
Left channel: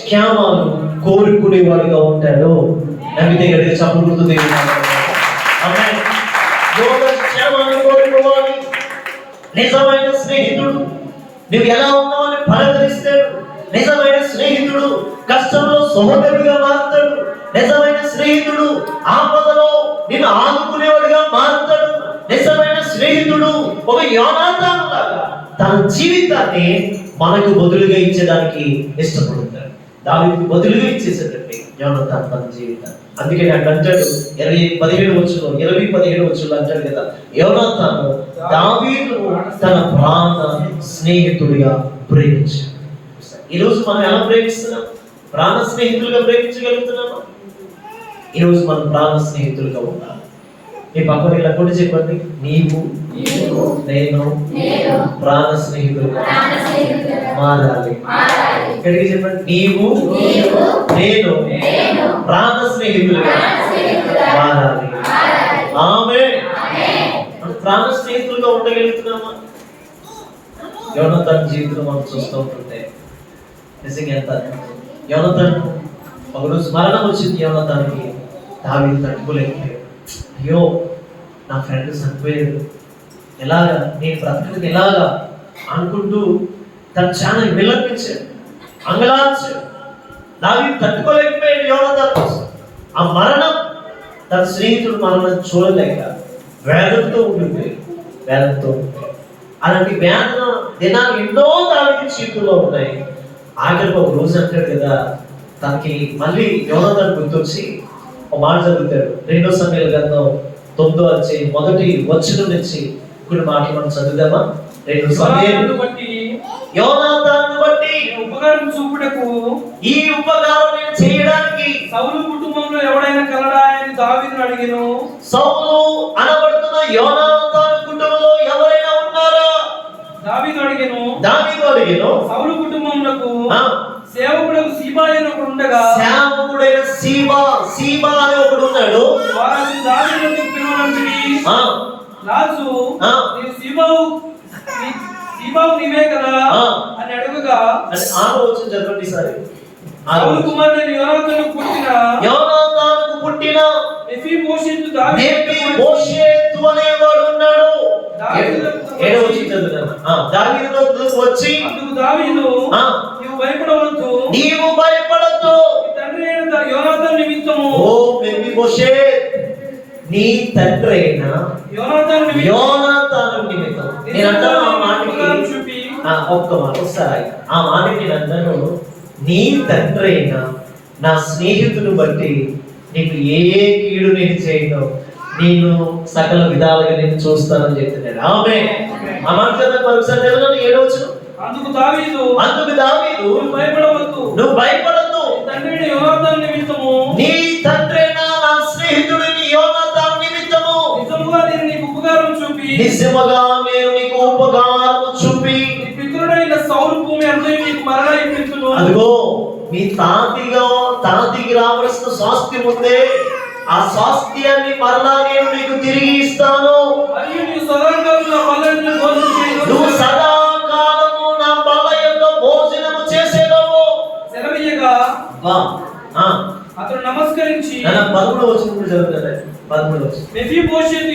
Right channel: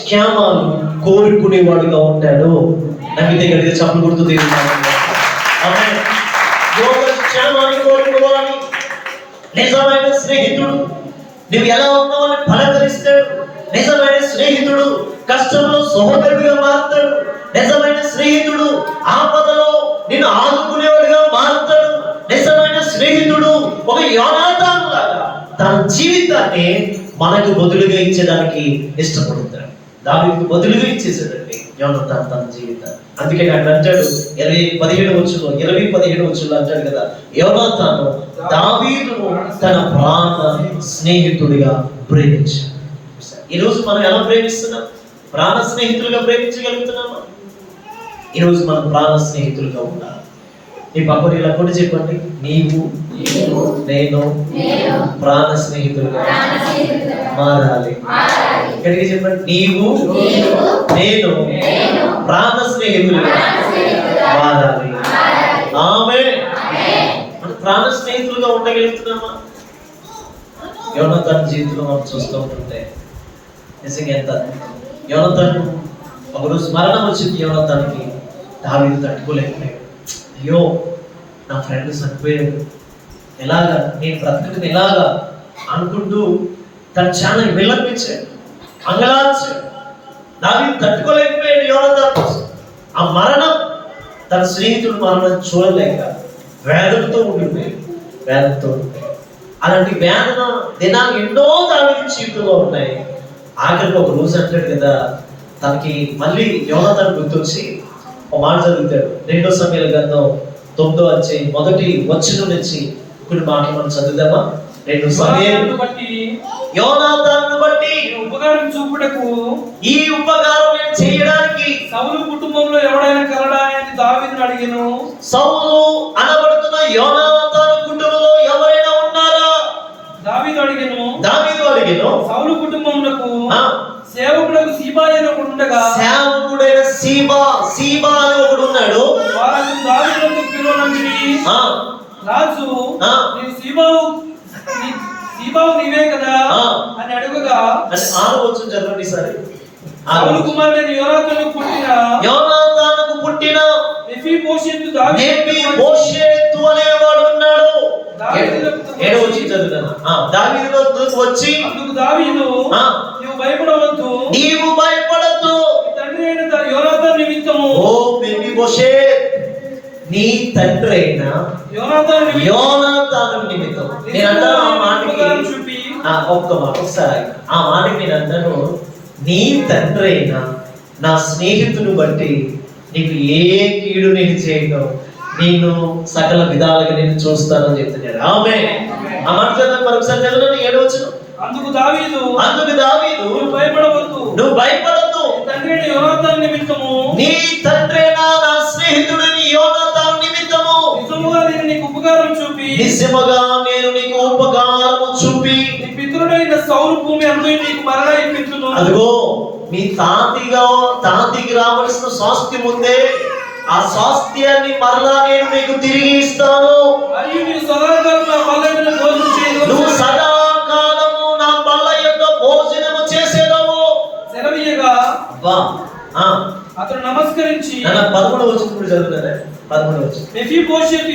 క్షేమాలు కోరుకునేవాడుగా ఉంటాడు. నమ్మితే గట్టిగా చప్పులు గుర్తు నిజమైన స్నేహితుడు నువ్వు ఎలా ఉన్నావని పలకరిస్తాడు. నిజమైన స్నేహితుడు కష్టంలో సహోదరుడిగా మారుతాడు. నిజమైన స్నేహితుడు ఆపదలో నిన్ను ఆదుకునేవాడుగా మారుతాడు. నిజమైన స్నేహితుడు ఒక యోనాతాను లాగా తన జీవితాన్ని మనకు బదులుగా ఇచ్చేదానికి ఇష్టపడతాడు. దావీదుకు బదులుగా ఇచ్చేసాడండి యోనాతాను తన జీవితాన్ని. అందుకే అక్కడ అంటాడు 20:17 అంటాడు కదా, యోనాతాను దావీదును తన ప్రాణ స్నేహితుడిగా ప్రేమించాడు. ఈరోజు మనం ఎలా ప్రేమిస్తున్నాం? ప్రాణ స్నేహితులుగా ప్రేమించగలుగుతున్నామా? ఈరోజు మనం ప్రాణ స్నేహితులుగా ఉండాలి. నీ పక్కన ఇలా కూడా చెప్పండి, నీవు నేను ప్రాణ స్నేహితులుగా మారాలి. ఇక్కడికి చెప్పండి, నీవు నేను ప్రాణ స్నేహితులుగా మారాలి. ఆమేన్. ప్రాణ స్నేహితులుగా ఉండగలుగుతున్నామా? యోనాతాను జీవితంలో మనం చూస్తూ ఉంటుంటే నిజంగా ఎంత యోనాతాను ఒకరోజు మరణం వచ్చింది. యోనాతానికి దావీదు తట్టుకోలేకపోయాడు. అయ్యో నా ఫ్రెండ్ చనిపోయాడు, ఎలాగా నేను బ్రతకడం ఎలాగా అనుకుంటూ తను చాలా విలపించాడు, అంగలార్చాడు. దావీదు తట్టుకోలేకపోయాడు యోనాతాను కోసం. ఆ మరణం తన స్నేహితుడు మరణం చూడలేక వేదనతో ఉండిపోయాడు. అలాంటి వేదన దినాలు ఎన్నో దానికి జీవితంలో ఉన్నాయి. ఆఖరికి ఒక రోజు అంటాడు కదా, తనకి మళ్ళీ యోనాతాను గుర్తొచ్చి ఒక మాట చదువుతాడు. 2 సమయాల గ్రంథం 9వ అధ్యాయం 1వ వచనం నుంచి కొన్ని మాటలు మనం చదువుదామా? 2 సమయాలను బట్టి యోనాతాను బట్టి ఉపకారం చూపుటకు ఈ ఉపకారం నేను చేయడానికి సౌలు కుటుంబంలో ఎవడైనా కలడా అని దావీదును అడిగాను. సౌలు అనబడుతున్న యోనాతాను కుటుంబంలో ఎవరైనా ఉన్నారా? దావీదు అడిగాను. సౌలు కుటుంబమునకు సేవకుడకు సీబా అని ఒకడు ఉండగా, సేవకుడైన సీబా అని ఒకడు ఉన్నాడు. వారు దావీదును పిలువనంటిరి. రాజు నీవు సీబావు నీవే కదా అని అడుగగా, ఆలోచన చెప్పండి సరే. సౌలు కుమారుడైన యోనాతానుకు పుట్టిన మెఫీబోషెతు అనేవాడు ఉన్నాడు. 7వ వచనం చదువుతాను. దావీదుకు వచ్చి అందుకు దావీదు, నీవు భయపడొద్దు, తండ్రి అయిన యోనాతాను నిమిత్తము, ఓ మెఫీబోషెత్, నీ తండ్రి అయిన యోనాతాను నిమిత్తం. నేను అంటాను ఆ మాటకి ఒకసారి ఆ మాటకి నేను అంటాను, నీ తండ్రి అయిన నా స్నేహితుని బట్టి నీకు ఏ కీడు నేను చేయను, నిన్ను సకల విధాలుగా నేను చూస్తానని చెప్తున్నాడు. ఆమేన్. ఆ మాట మరొకసారి చదవండి. 7వ వచనం. అందుకు దావీదు నువ్వు భయపడొద్దు, నీ తండ్రి నా స్నేహితుడిని యోనాతాను నిమిత్తము నిజముగా నేను నీకు ఉపకారం చూపి పితరుడైన సౌలు భూమి అంతా నీకు మరలా ఇప్పించును. అదిగో మీ తాతకి రావలసిన స్వాస్థ్యం ఉందే, ఆ స్వాస్థ్యాన్ని మరలా నేను మీకు తిరిగి ఇస్తాను. మరియు నువ్వు సదాకాలము నా బల్ల యందు భోజనము చేసేదవు. సెలవీయగా అతడు నమస్కరించి 13వ వచనం కూడా చదువుతారా? 13వ వచనం. మెఫీబోషెతు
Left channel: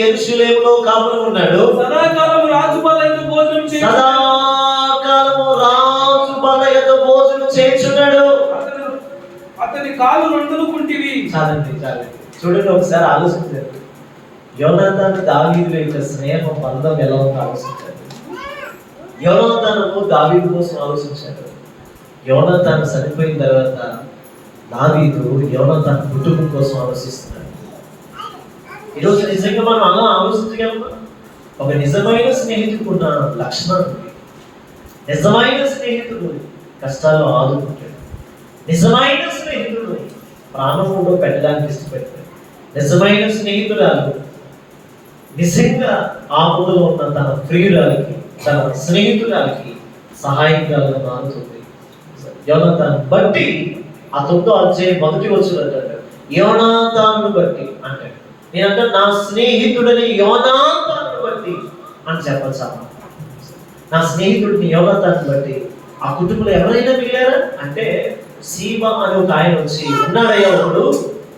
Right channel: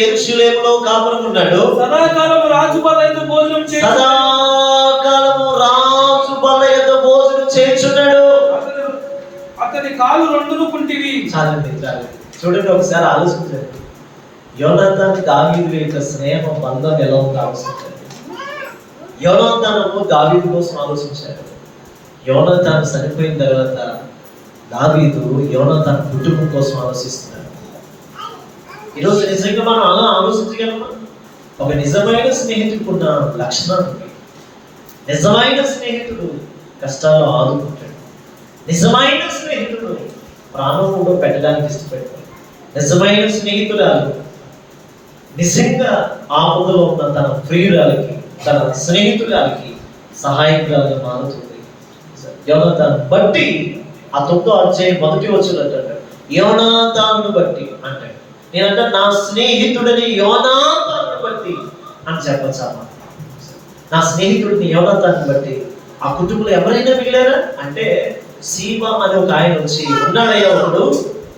యెరూషలేములో కాపురం ఉన్నాడు. సదాకాలము రాజు బల్ల యందు భోజనం చేయుచున్నాడు. అతని కాలు రెండును కుంటివి. చాలండి. చూడండి, ఒకసారి ఆలోచించండి. యోనాతాను దావీదు యొక్క స్నేహ బంధం ఎలా ఉందో ఆలోచించండి. యోనాతాను దావీదు కోసం ఆలోచించాడు. యోనాతాను చనిపోయిన తర్వాత దావీదు యోనాతాను కుటుంబం కోసం ఆలోచిస్తున్నాడు. ఈరోజు నిజంగా మనం అలా ఆలోచించగలమా? ఒక నిజమైన స్నేహితుడు ఉన్న లక్షణం. నిజమైన స్నేహితుడు కష్టాల్లో ఆదుకుంటాడు. నిజమైన స్నేహితుడు ప్రాణం కూడా పెట్టడానికి ఇష్టపడతాడు. నిజమైన స్నేహితురాలు నిజంగా ఆపదలో ఉన్న తన ప్రియురాలకి, తన స్నేహితురాలకి సహాయకురాలుగా మారుతుంది. యోనాతాను బట్టి ఆ 9వ అధ్యాయం 1వ వచనం అంటాడు, యోనాతాను బట్టి అంటాడు. నేనంటే నా స్నేహితుడిని యోనాతాను బట్టి అని చెప్పచ్చా? నా స్నేహితుడిని యోనాతాను బట్టి ఆ కుటుంబంలో ఎవరైనా మిగిలారా అంటే, సీబా అని ఒక ఆయన వచ్చి ఉన్నాడయ్యా, ఒకడు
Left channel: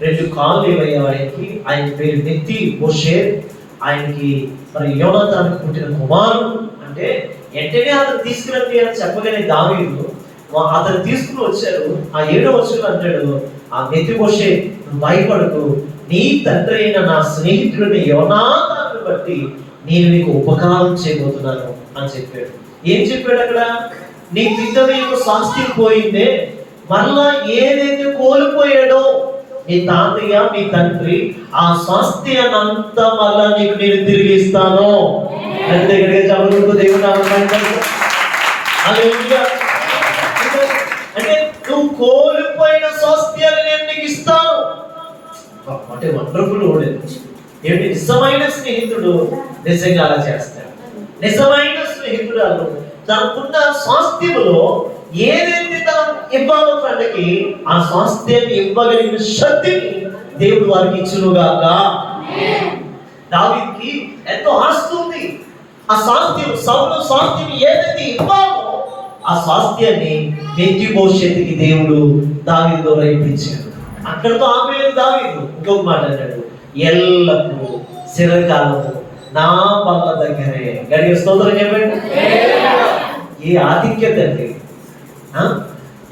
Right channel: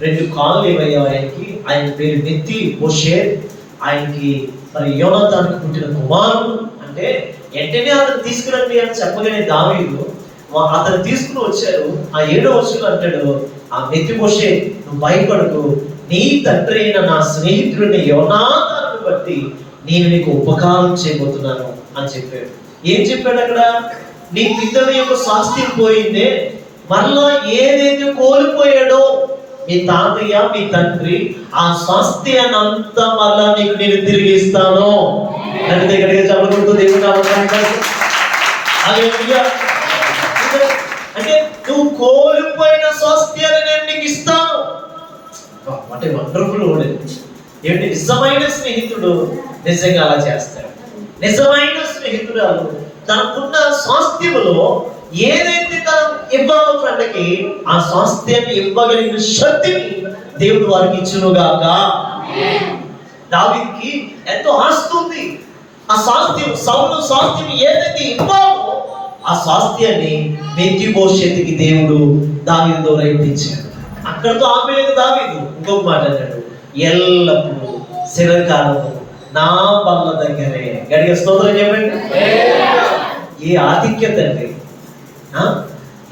2 కాళ్ళు ఇవ్వయ్యా ఆయనకి, ఆయన పేరు నెత్తి బోషేత్, ఆయనకి మరి యోనాతానుకు పుట్టిన కుమారుడు అంటే వెంటనే అతను తీసుకురండి అని చెప్పగానే దావీదు అతను తీసుకుని వచ్చారు. ఆ 7వ వచనంలో అంటాడు, ఆ మెఫీబోషే నువ్వు భయపడకు, నీ తండ్రి అయిన నా స్నేహితుడిని యోనాతాను బట్టి నేను నీకు ఉపకారం చేయబోతున్నాను అని చెప్పాడు. ఏం చెప్పాడు అక్కడ? నీ పితవి యొక్క స్వాస్థ్యం పోయిందే, మళ్ళా ఏదైతే కోల్పోయాడో మీ తాతయ్య మీ తండ్రి ఆ స్వాస్థ్యాన్ని అంతా మళ్ళా నీకు నేను తిరిగి ఇస్తాను. దగ్గరగా చదువుకుంటూ దేవుడు అంటే నువ్వు కోల్పోయిన స్వాస్థ్యాన్ని నేను నీకు ఇస్తాను. అంటే వండర్ఫుల్ వర్డ్. ఏమిటి? నిజమైన స్నేహితుడు నిజంగా అలా చేస్తాడు. నిజమైన స్నేహితురాలు తనకున్న స్వాస్థ్యములో ఏదైతే తను ఇవ్వాలో ఫ్రెండ్కి ఆ స్వాస్థ్యాన్ని ఇవ్వగలిగిన శక్తిని దేవుడు వారికి ఇచ్చునుగాక. దావీదుకి ఎంతో ఆస్తి ఉంది. ఆ స్వాస్థ్యం సౌలు స్వాస్థ్యం ఏదైతే ఇవ్వాలో ఆ స్వాస్థ్యాన్ని మెఫీబోషెతుకి దేవుడు దావీదు ద్వారా ఇప్పించాడు. అక్కడతో ఆపేది దావీదు. ఇంకొక మాట అన్నాడు, ఎల్లప్పుడూ చిరకాలము నా బల్ల దగ్గరే. గడిగ స్తోత్రం చెప్పండి. ఏ ఆధిక్యత అండి!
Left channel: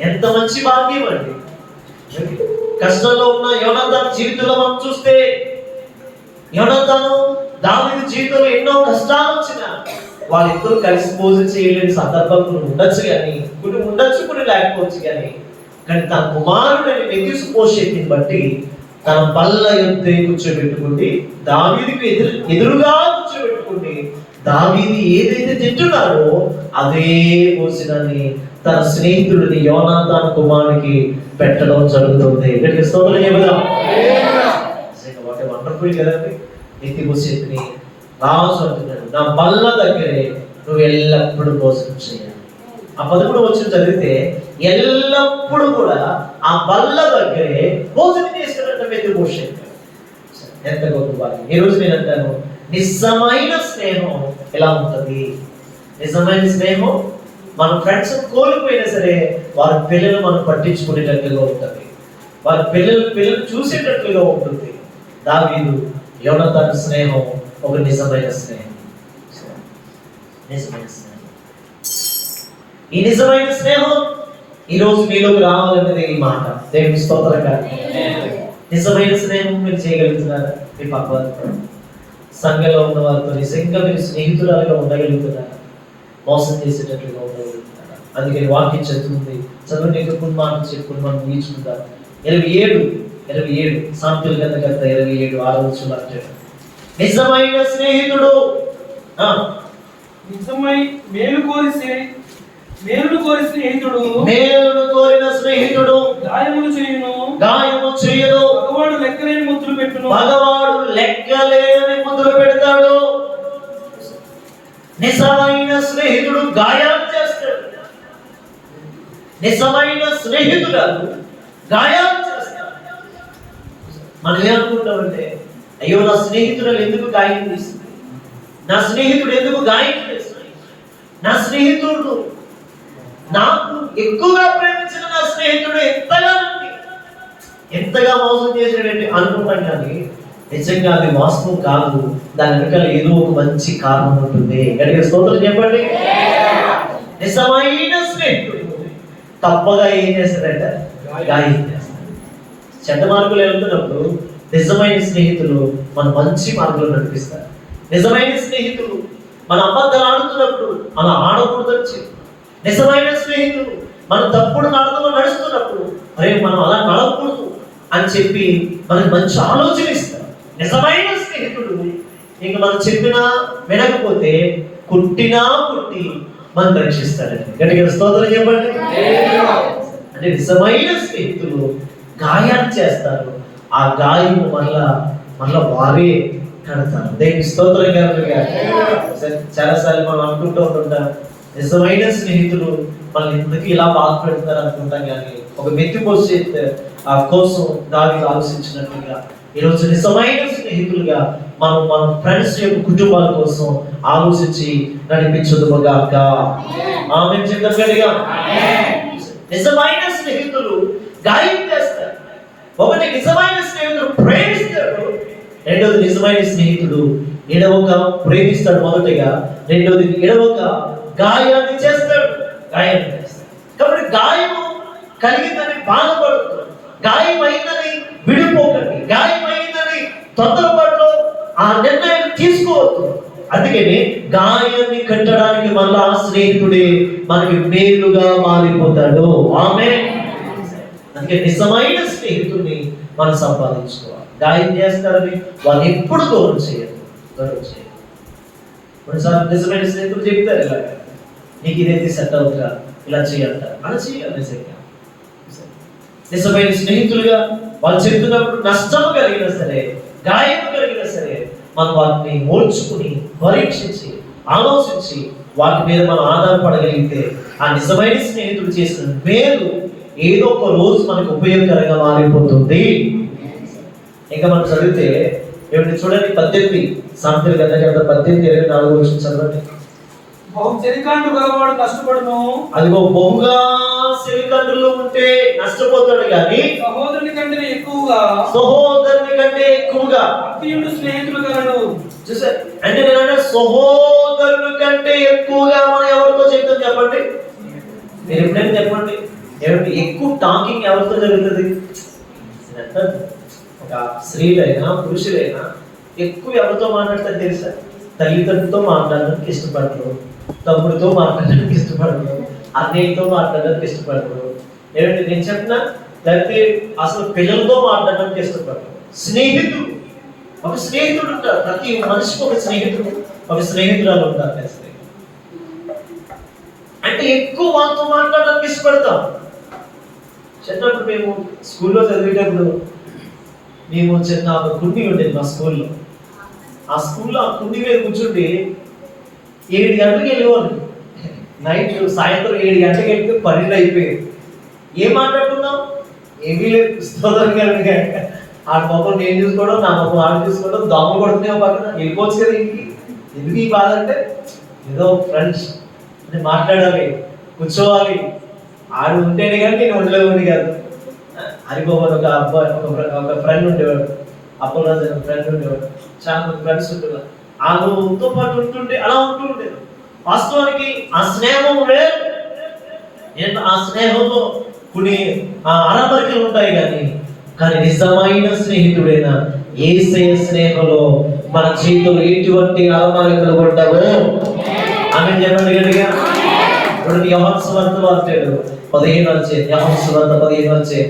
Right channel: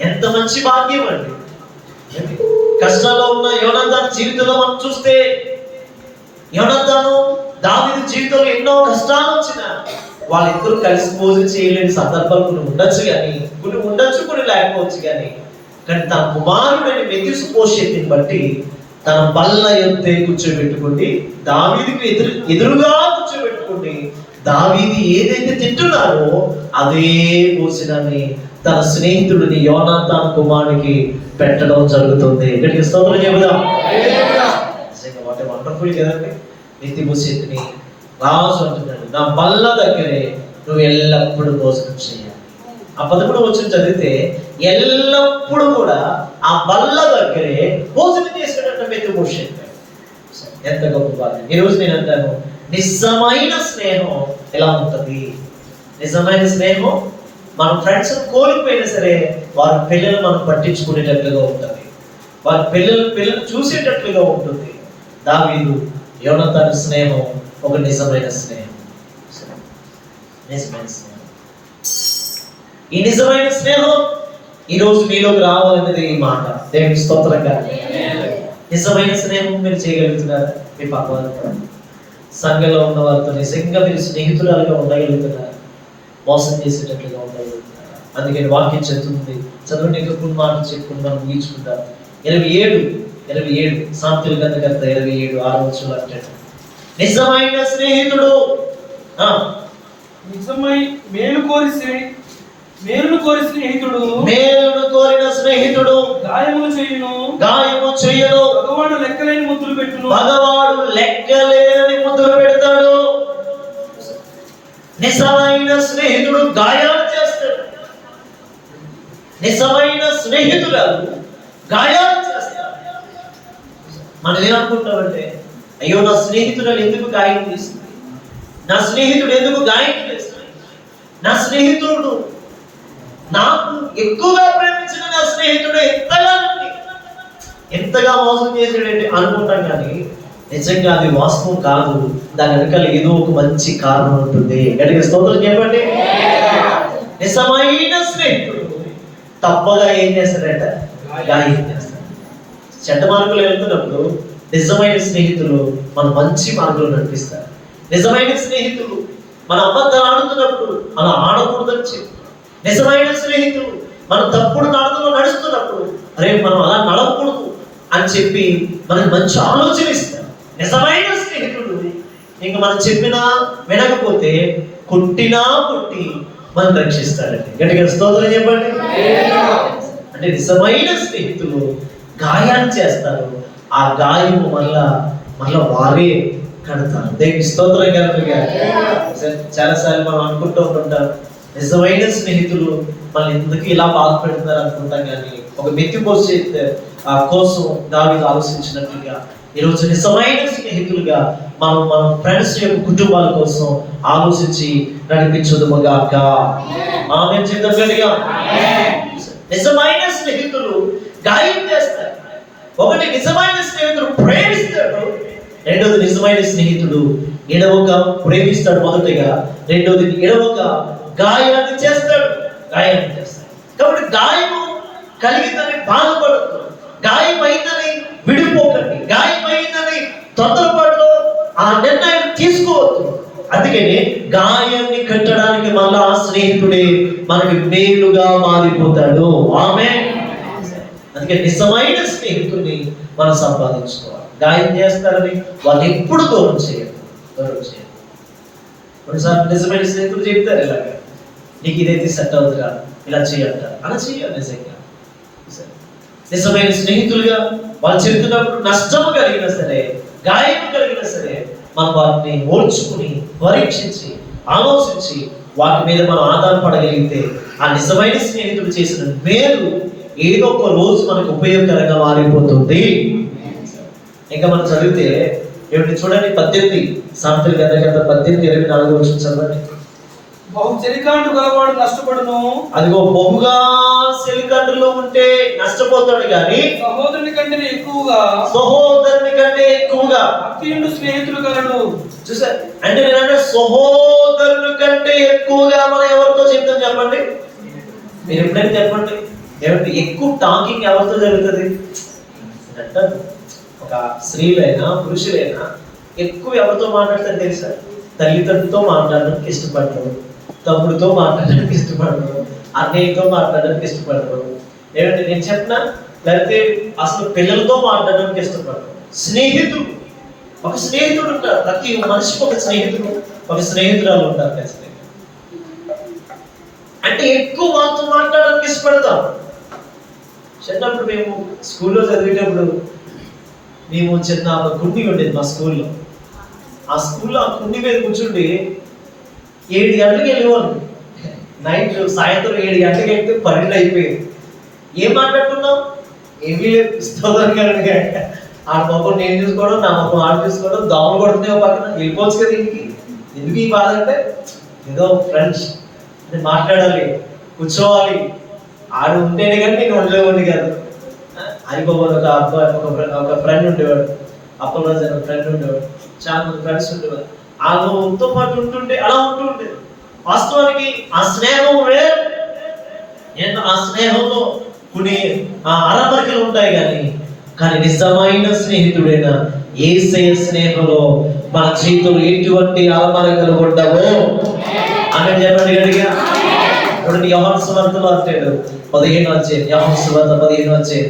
ఎంత మంచి భాగ్యం అండి. కష్టాల్లో ఉన్న యోనాతాను జీవితంలో మనం చూస్తే, యోనాతాను దావీదు జీవితంలో ఎన్నో కష్టాలు వచ్చినా వాళ్ళిద్దరూ కలిసి భోజనం చేయలేని సందర్భాలు కొన్ని ఉండొచ్చు, కానీ కొన్ని లేకపోవచ్చు. కానీ తన కుమారుడని మెఫీబోషెతుని బట్టి తన బల్ల యొద్దే కూర్చోబెట్టుకుంది, దావీదుకు ఎదురుగా కూర్చోబెట్టుకుంది. దావీదు ఏదైతే తింటున్నారో అదే భోజనాన్ని తన స్నేహితుడిని యోనాతాను కుమారుడికి పెట్టడం జరుగుతుంది. ఇక్కడికి స్తోత్రం చెబుదాం. వాటి వండర్ఫుల్ కదండి. మెఫీబోషెతుని రాజు అంటున్నాడు, నా బల్ల దగ్గరే నువ్వు ఎల్లప్పుడూ భోజనం చేయాలి. ఆ 11వ వచనం చదివితే ఎల్లప్పుడూ కూడా ఆ బల్ల దగ్గరే భోజనం చేసుకున్నట్టు మెఫీబోషెతు. ఎంత గొప్ప భాగ్యం. ఈరోజు నేను అంటాను, నిజమైన స్నేహం ఎలా ఉంటుంది? నిజమైన స్నేహం మన ఫ్రెండ్స్ కోల్పోయినా సరే వారి పిల్లలు మనం పట్టించుకునేటట్లుగా ఉంటుంది, వారి పిల్లలు చూసేటట్లుగా ఉంటుంది. దావీదు యోనాతాను స్నేహం ఒక నిజమైన స్నేహం. నిజమైన స్నేహం. ఈ నిజమైన స్నేహం ఈరోజు మీలోకి రావాలనేది ఈ మాట. దేవుని స్తోత్రంగా. నిజమైన స్నేహం మీరు చేయగలుగుతున్నారా? మీ పాప సంఘంలో ఉన్న వారితో నిజంగా మీరు స్నేహితురాలుగా ఉండగలుగుతున్నారా? మోసం చేసేటట్లుగా ఉండగలుగుతున్నారా? అందుకని వాక్యం చదువుతుంది, చదవండి. ఇంకా కొన్ని మాటలు చెప్పుకుని మనం ముగించుకుంటాం. 27 సామెతల గ్రంథకర్త 27:6 అంటాడు, నిజమైన స్నేహితుడు మేలును కోరిన స్నేహితుడు గాయము చేయును. మగవాడు లెక్కలేని ముద్దులు పెడతాడు. నిజమైన స్నేహితుడు గాయాలు చేస్తాడు. నిజమైన స్నేహితురాలు గాయాలు చేస్తాడు. మనం ఏమనుకుంటామంటే, అయ్యో నా స్నేహితురాలు ఎందుకు గాయం చేస్తుంది, నా స్నేహితుడు ఎందుకు గాయం చేస్తుంది, నా స్నేహితుడు నాకు ఎక్కువగా ప్రేమించిన నా స్నేహితుడు ఎంతగా మోసం చేసాడంటే అనుకుంటాం. కానీ నిజంగా అది వాస్తవం కాదు. దాని వెనకాల ఏదో ఒక మంచి కారణం ఉంటుంది. గట్టిగా స్తోత్రం చెప్పండి. నిజమైన స్నేహితుడు తప్పగా ఏం చేస్తాడంట? గాయం చేస్తాడు. చెడ్డ మార్గంలో వెళ్తున్నప్పుడు నిజమైన స్నేహితులు మన మంచి మార్గంలో నడిపిస్తారు. నిజమైన స్నేహితులు మన అబద్ధాలు ఆడుతున్నప్పుడు మనం ఆడకూడదని చెప్పి, నిజమైన స్నేహితులు మనం తప్పుడు మార్గంలో నడుస్తున్నప్పుడు అరే మనం అలా నడవకూడదు అని చెప్పి మనకి మంచి ఆలోచన ఇస్తారు. నిజమైన స్నేహితుడు ఇంక మనం చెప్పినా వినకపోతే కొట్టినా కొట్టి మనం రక్షిస్తాడండి. గట్టిగా స్తోత్రం చెప్పండి. అంటే నిజమైన స్నేహితులు గాయాలు చేస్తారు. ఆ గాయము మళ్ళా వారే కడతారు. దేవుని స్తోత్రం కలుగుగా. చాలాసార్లు మనం అనుకుంటూ ఉంటుంటాం, నిజమైన స్నేహితులు మనల్ని ఎందుకు ఇలా బాధ పెడతారు అనుకుంటాం. కానీ ఒక మెఫీబోషెతు ఆ కోసం దావీదు ఆలోచించినట్లుగా ఈరోజు నిజమైన స్నేహితులుగా మనం మన ఫ్రెండ్స్ యొక్క కుటుంబాల కోసం ఆలోచించి నడిపించుదుగాక. ఆమేన్ చెప్తాం. నిజమైన స్నేహితులు గాయం చేస్తారు. ఒకటి నిజమైన స్నేహితుడు ప్రేమిస్తాడు, రెండోది నిజమైన స్నేహితుడు ఎడవక ప్రేమిస్తాడు మొదటిగా, రెండోది ఎడవక గాయాన్ని చేస్తాడు. కాబట్టి గాయము కలిగిందని బాధపడద్దు, గాయమైందని విడిపోకండి, గాయమైందని తొందరపాటులో ఆ నిర్ణయం తీసుకోవద్దు. అందుకని గాయాన్ని కట్టడానికి మళ్ళా స్నేహితుడే మనకి మేలుగా మారిపోతాడు. ఆమేన్. అందుకే నిజమైన స్నేహితుడిని మనం సంపాదించుకోవాలి. గాయం చేస్తారని వాళ్ళు ఎప్పుడు దూరం చేయరు. కొన్నిసార్లు నిజమైన స్నేహితులు చెప్తారు, ఇలాగా నీకు ఇదైతే సెట్ అవుతుందా, ఇలా చేయంటారు, అలా చేయాలి. నిజంగా నిజమైన స్నేహితులుగా వాళ్ళు చెప్తున్నప్పుడు నష్టం కలిగినా సరే, గాయం కలిగినా సరే, మనం వాటిని ఓర్చుకుని పరీక్షించి ఆలోచించి వాటి మీద మనం ఆధారపడగలిగితే ఆ నిజమైన స్నేహితుడు చేసిన మేలు ఏదో ఒక రోజు మనకు ఉపయోగకరంగా మారిపోతుంది. ఇంకా మనం చదివితే ఏమిటి చూడండి, 18 సామెతల గ్రంథం 18:24 చదవండి. బహు చెలికాండుగా వాడు నష్టపడును. అదిగో బహుగా చెలికాండులో ఉంటే నష్టపోతాడు, కానీ సహోదరుని కంటే ఎక్కువగా అత్యుండు స్నేహితులు కలడు. చూసారు అంటే నేనంటే సహోదరుని కంటే ఎక్కువగా మనం ఎవరితో చెప్తాం చెప్పండి? మీరు ఎప్పుడైనా చెప్పండి, ఏమిటి ఎక్కువ టాకింగ్ ఎవరితో జరుగుతుంది అంటే, ఒక స్త్రీలైనా పురుషులైనా ఎక్కువ ఎవరితో మాట్లాడతారు తెలుసా? తల్లిదండ్రులతో మాట్లాడడానికి ఇష్టపడరు, తమ్ముడితో మాట్లాడడానికి ఇష్టపడరు, అన్నయ్యతో మాట్లాడడానికి ఇష్టపడరు. ఏమంటే నేను చెప్పిన, లేకపోతే అసలు పిల్లలతో మాట్లాడడానికి ఇష్టపడరు. స్నేహితుడు, ఒక స్నేహితుడు ఉంటారు. ప్రతి మనిషికి ఒక స్నేహితుడు, ఒక స్నేహితురాలు ఉంటారు. అంటే ఎక్కువ వాళ్ళతో మాట్లాడడానికి ఇష్టపడతాం. చిన్నప్పుడు మేము స్కూల్లో చదివేటప్పుడు మేము చిన్న ఒక కుండి ఉండేది మా స్కూల్లో. ఆ స్కూల్లో ఆ కుండి మీద కూర్చుండి 7 గంటలకు వెళ్ళేవాళ్ళు. నైట్ సాయంత్రం 7 గంటలకు వెళ్తే 12 అయిపోయేది. ఏం మాట్లాడుతున్నాం? ఏమీ లేదు. స్తోత్రంగా ఆడ పాపం నేను చూసుకోవడం, నా పాపం ఆడు చూసుకోవడం, దోమలు కొడుతున్నాయి పక్కన, వెళ్ళిపోవచ్చు కదా ఇంటికి. ఎందుకు ఈ బాధ అంటే, ఏదో ఫ్రెండ్స్ అంటే మాట్లాడాలి, కూర్చోవాలి. ఆడు ఉంటేనే కానీ నేను ఉండలేవాడిని కాదు. హరిబాబు ఒక అబ్బాయి, ఒక ఫ్రెండ్ ఉండేవాడు, అప్పలరాజు అనే ఫ్రెండ్ ఉండేవాడు, చాలా మంది ఫ్రెండ్స్ ఉండేవారు. వాళ్ళతో పాటు ఉంటుంటే అలా ఉంటూ ఉండేది. వాస్తవానికి ఆ స్నేహం వేరు. నేను ఆ స్నేహంలో కొన్ని అరమరికలు ఉంటాయి, కానీ నిజమైన స్నేహితుడైన యేసయ్య స్నేహంలో మన జీవితంలో ఎటువంటి అరమరికలు ఉండవు. అని చెప్పండి గట్టిగా. ఇప్పుడు యోహాను సువార్త మాట్లాడు 15 యోహాను సువార్త 15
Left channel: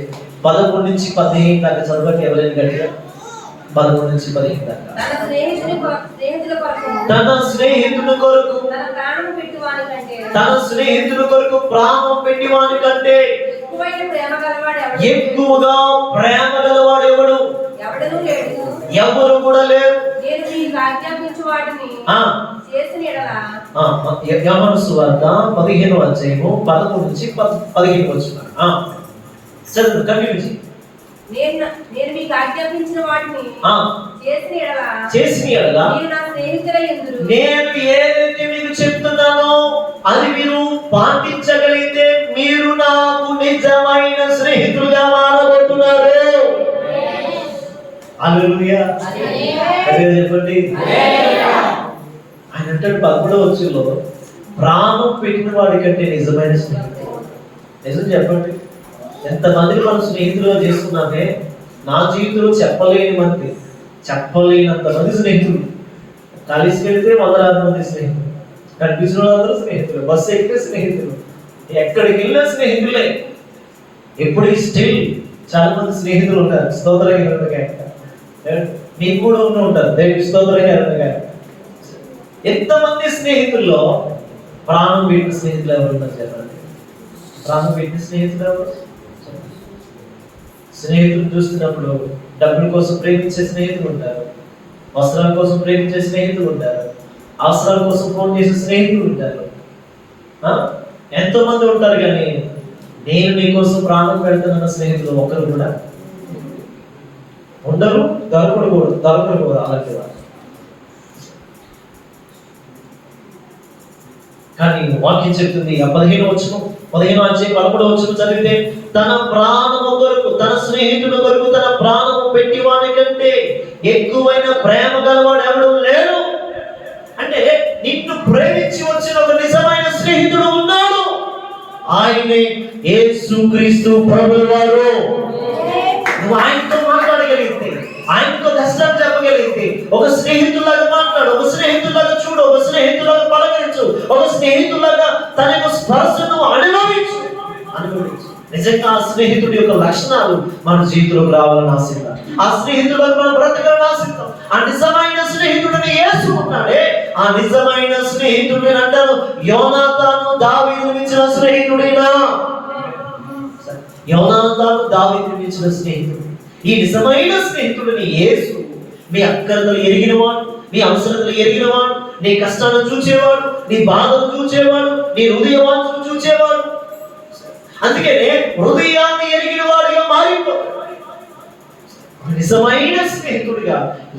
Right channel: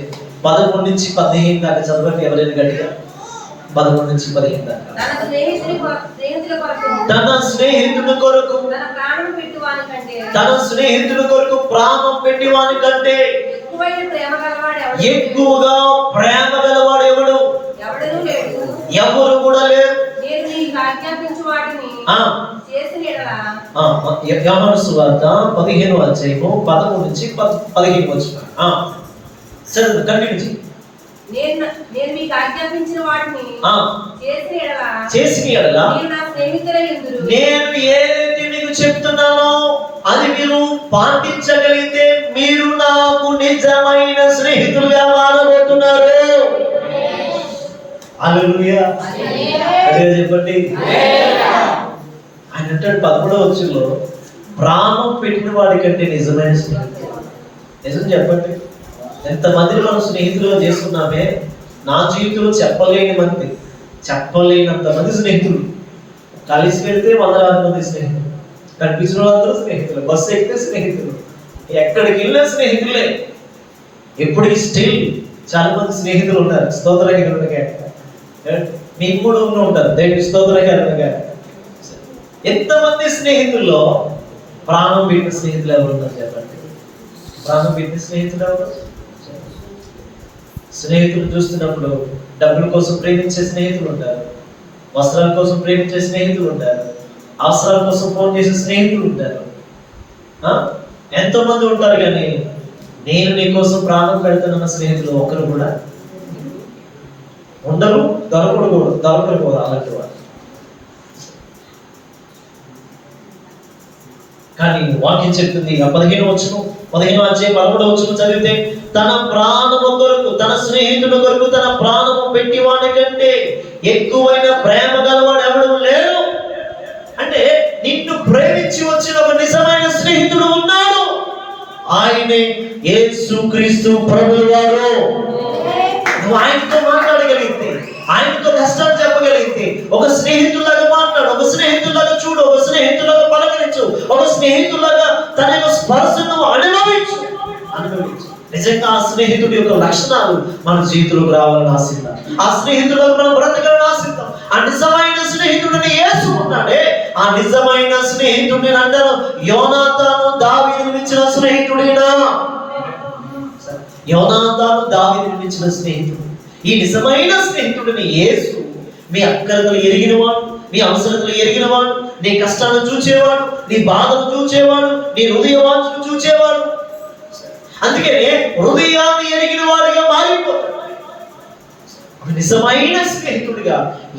11 నుంచి 15 దాకా చదవండి ఎవరైనా గట్టిగా. 11 నుంచి 15 దాకా. తన స్నేహితుడి కొరకు ప్రాణం పెట్టి వాని కంటే ఎక్కువగా ప్రేమ గలవాడు ఎవరు కూడా లేరు. యోహాను సువార్త 15 11 నుంచి 15 వచ్చిన చదువు కంటిన్యూ. నేను మీకు ఆజ్ఞాపించిన వాటిని చేసిన యెడల నేను ఏదైతే మీకు చెప్తున్నానో అది మీరు పాటించగలిగితే మీరు నాకు నిజమైన స్నేహితులుగా మారబోతున్నారు. హల్లెలూయా. చెప్పండి. ఆయన అంటాడు 11వ వచనంలో, ప్రాణం పెట్టిన వాడి కంటే నిజమైన స్నేహితుడు. నిజం చెప్పండి, ఎంతమందిని మనం స్నేహితులుగా చేసుకున్నామే. నా జీవితంలో చెప్పలేనంత మంది స్నేహితులు. కలిసి వెళ్తే 100 మంది స్నేహితులు, కనిపించిన వాళ్ళందరూ స్నేహితులు, బస్సు ఎక్కితే స్నేహితులు, ఎక్కడికి వెళ్ళినా స్నేహితులే. ఎప్పటికీ స్టిల్ చాలా మంది స్నేహితులు ఉంటారు. స్తోత్రగా మీకు కూడా ఉంటారు. దేవుడి స్తోత్రగా ఎంతమంది స్నేహితుల్లో ప్రాణం పెట్టిన స్నేహితులు ఎవరు ఉన్నారు చెప్పండి? ప్రాణం పెట్టిన స్నేహితులు ఎవరు? స్నేహితులు చూస్తున్నప్పుడు డబ్బుల కోసం ప్రేమించే స్నేహితులు ఉంటారు, వస్త్రాల కోసం ప్రేమించే స్నేహితులు ఉంటారు, అవసరాల కోసం ఫోన్ చేసే స్నేహితులు ఉంటారు, ఎంతో మంది ఉంటారు. కానీ నేను నీ కోసం ప్రాణం పెడుతున్న స్నేహితులు ఒకరు కూడా ఉండరు, దొరకరు కూడా అలాంటి వారు. కానీ వాక్యం చెప్తుంది 15వ వచనం 13వ వచనం చదివితే, తన ప్రాణము కొరకు, తన స్నేహితుడు కొరకు తన ప్రాణము పెట్టి వాడి కంటే ఎక్కువైన ప్రేమ గలవాడు ఎవడు లేడు. ఆయనే యేసుక్రీస్తు ప్రభువు వారు. నువ్వు ఆయనతో మాట్లాడగలిగితే, ఆయనతో కష్టాలు చెప్పగలిగితే, ఒక స్నేహితులాగా మాట్లాడు, ఒక స్నేహితులాగా చూడు, ఒక స్నేహితులాగా పలకరించు, ఒక స్నేహితులాగా తన యొక్క స్పర్శను అనుభవించు. నిజంగా ఆ స్నేహితుడి యొక్క లక్షణాలు మన జీవితంలోకి రావాలని ఆశిద్దాం. ఆ స్నేహితులకు మనం బ్రతకాలని ఆశిద్దాం. ఆ నిజమైన స్నేహితుడిని యేసు ఉన్నాడే, ఆ నిజమైన స్నేహితుడిని అంటారు యోనాతాను దావీదును మించిన స్నేహితుడేనా? యోనాతాను దావీదును మించిన స్నేహితుడు. ఈ నిజమైన స్నేహితుడిని యేసు మీ అక్కరతలు ఎరిగినవాడు, నీ అవసరతలు ఎరిగినవాడు, నీ కష్టాలను చూచేవాడు, నీ బాధను చూచేవాడు, నీ హృదయ వాంఛను చూచేవాడు. అందుకనే హృదయాన్ని ఎరిగిన వాడిగా మారిపోతాడు. నిజమైన స్నేహితుడిగా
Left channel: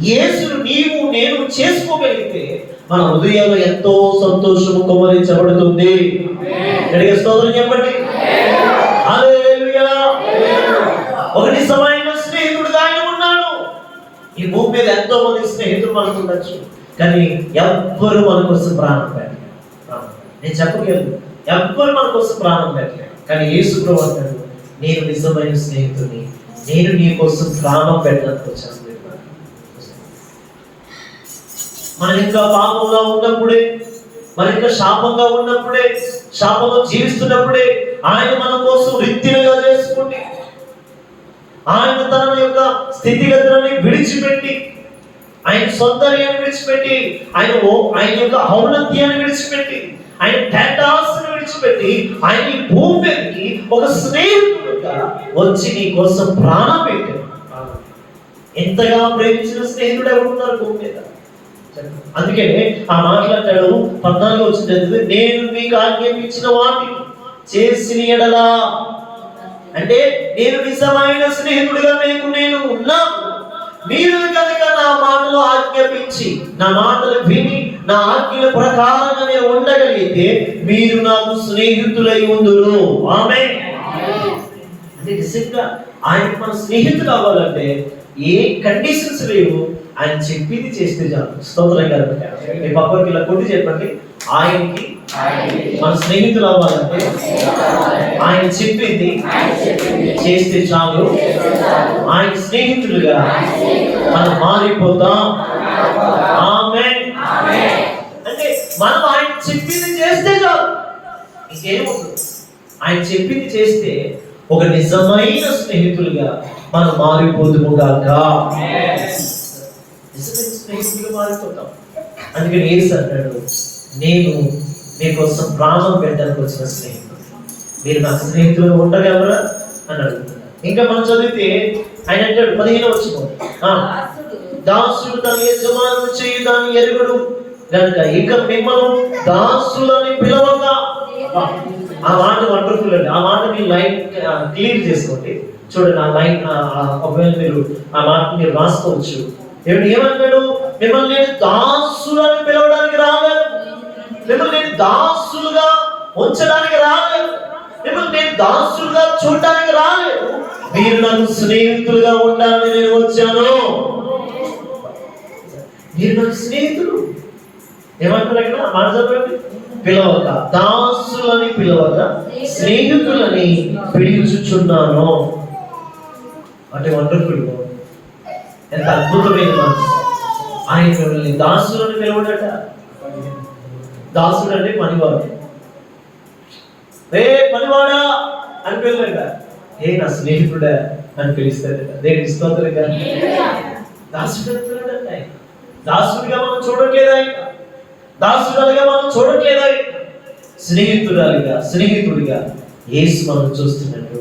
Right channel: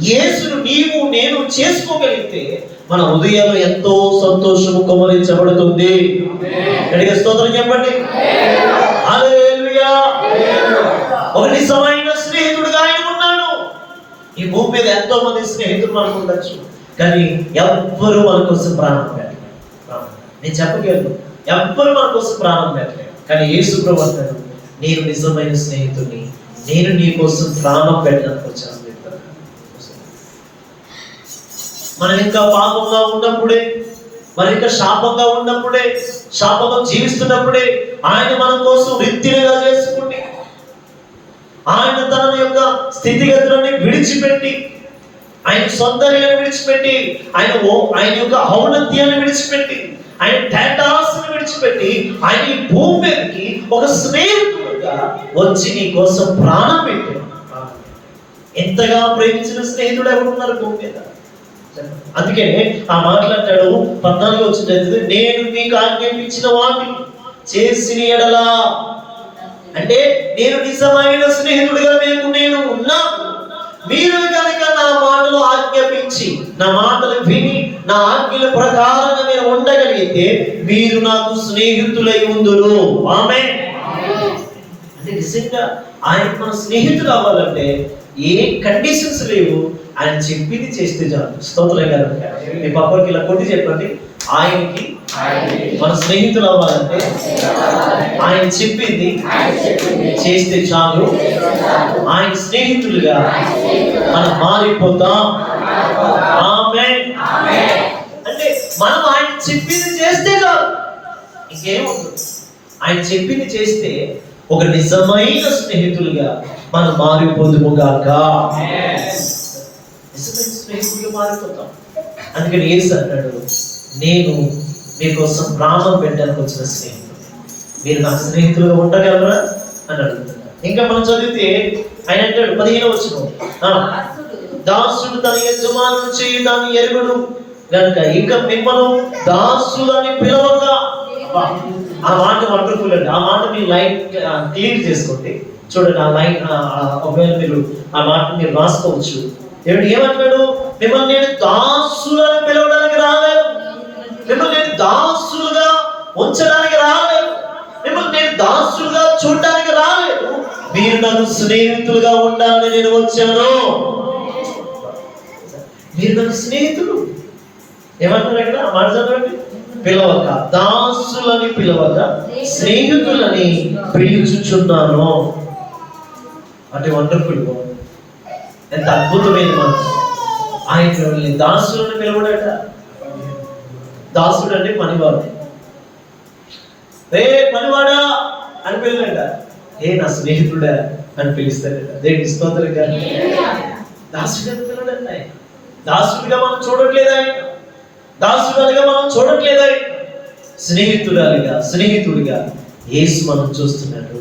యేసును నీవు నేను చేసుకోగలిగితే మన హృదయంలో ఎంతో సంతోషము కుమ్మరించబడుతుంది. గట్టిగా స్తోత్రం చెప్పండి. హల్లెలూయా. ఒక నిజమైన స్నేహితుడిగా ఆయన ఉన్నాడు. ఈ భూమి మీద ఎంతో మంది స్నేహితులు మనకు ఉండొచ్చు, కానీ ఎవ్వరు మన కోసం ప్రాణం పెట్టలేదు. నేను చెప్పగలను, ఎవ్వరు మన కోసం ప్రాణం పెట్టలేదు. కానీ యేసు ప్రభువు అంటాడు, నేను నిజమైన స్నేహితుడిని, నేను నీ కోసం ప్రాణం పెట్టడానికి వచ్చాను. మనం ఇంకా పాపంగా ఉన్నప్పుడే, మనం ఇంకా శాపంగా ఉన్నప్పుడే, శాపంగా జీవిస్తున్నప్పుడే ఆయన మన కోసం రిత్తినగా చేసుకుంటే, ఆయన తన యొక్క స్థితిగతులని విడిచిపెట్టి, ఆయన సౌందర్యాన్ని విడిచిపెట్టి, ఆయన యొక్క ఔన్నత్యాన్ని విడిచిపెట్టి, ఆయన టెంటాస్ని విడిచిపెట్టి ఆయన ఈ భూమి మీదకి ఒక స్నేహితుడుగా వచ్చి నీ కోసం ప్రాణం పెట్టాడు. ఎంతగా ప్రేమించిన స్నేహితుడు ఎవరున్నారు భూమి మీద? అందుకే ఆ మాట్లాడతాడు 14 వచ్చిన, నేను మీకు ఆజ్ఞాపించిన వాటిని చేసిన ఎడలా, అంటే నేను నిజమైన స్నేహితుడిగా నేను ఉన్నాను. మీరు కనుక నా మాటలు ఆజ్ఞాపించి, నా మాటలు విని, నా ఆజ్ఞల ప్రకారంగా మీరు ఉండగలిగితే మీరు నాకు స్నేహితులై ఉందురు. ఆమేన్. అంటే నిజంగా ఆయన మన స్నేహితులు అవ్వాలంటే ఏ కండిషన్స్ లేవు, ఆయన చెప్పింది చేస్తే చాలు. స్తోత్రం కనుక మీ పక్కకి ఇలా కొట్టి చెప్పండి, ఆయనకి మన స్నేహితులు అవ్వాలంటే ఆయన చెప్పింది చేస్తే చాలు. ఆయన స్నేహితులుగా మనం మారిపోతాం. ఆమేన్. అంటే మనం ఆయన చెప్పింది చేస్తే చాలు, ఇంకేముంటుంది. ఆయన చెప్పింది చేస్తే ఒక నిజమైన స్నేహితులుగా మనం మారిపోదుముగాక. నిజమైన స్నేహితులుగా మారిపోతాం. అందుకని యేసు అంటాడు, నేను మీకోసం ప్రాణం పెట్టడానికి వచ్చిన స్నేహితుడు, మీరు నాకు స్నేహితులుగా ఉండగలరా అని అడుగుతున్నారు. ఇంకా మనం చదివితే ఆయన అంటాడు 15వ వచనం, దాసుడు తన యజమానుని చేయి దాన్ని ఎరుగుడు గనుక ఇక మిమ్మల్ని దాసులని పిలవక. ఆ మాట వండర్ఫుల్ అండి. ఆ మాట మీ లైన్ క్లియర్ చేసుకోండి. చూడండి ఆ లైన్, ఒకవేళ మీరు ఆ మాట మీరు రాసుకోవచ్చు. ఏమంటాడు? మిమ్మల్ని నేను దాసులని పిలవడానికి రాలేదు, మిమ్మల్ని నేను దాసులుగా ఉంచడానికి రాలేదు, మిమ్మల్ని నేను దాసులుగా చూడడానికి రాలేదు, మీరు నాకు స్నేహితులుగా ఉండాలని నేను వచ్చాను. మీరు నాకు స్నేహితులు. ఏమంటారు ఇక్కడ మాట చదవండి, పిలవక, దాసులని పిలవక స్నేహితులని పిలుచుచున్నాను. అంటే వండర్ఫుల్, ఎంత అద్భుతమైన మాట. ఆయన మిమ్మల్ని దాసులని పిలవడట. దాసుడు అంటే పనివాడు. రే పనివాడా అని పిలవట, ఏ నా స్నేహితుడా అని పిలుస్తాడట. దేవునికి స్తోత్రం గారు. దాసుడు అని పిలవడట. ఆయన దాసుడిగా మనం చూడట్లేదు, ఆయన దాసుడుగా మనం చూడట్లేదు, ఆయన స్నేహితుడిగా యేసు మనం చూస్తున్నాడు.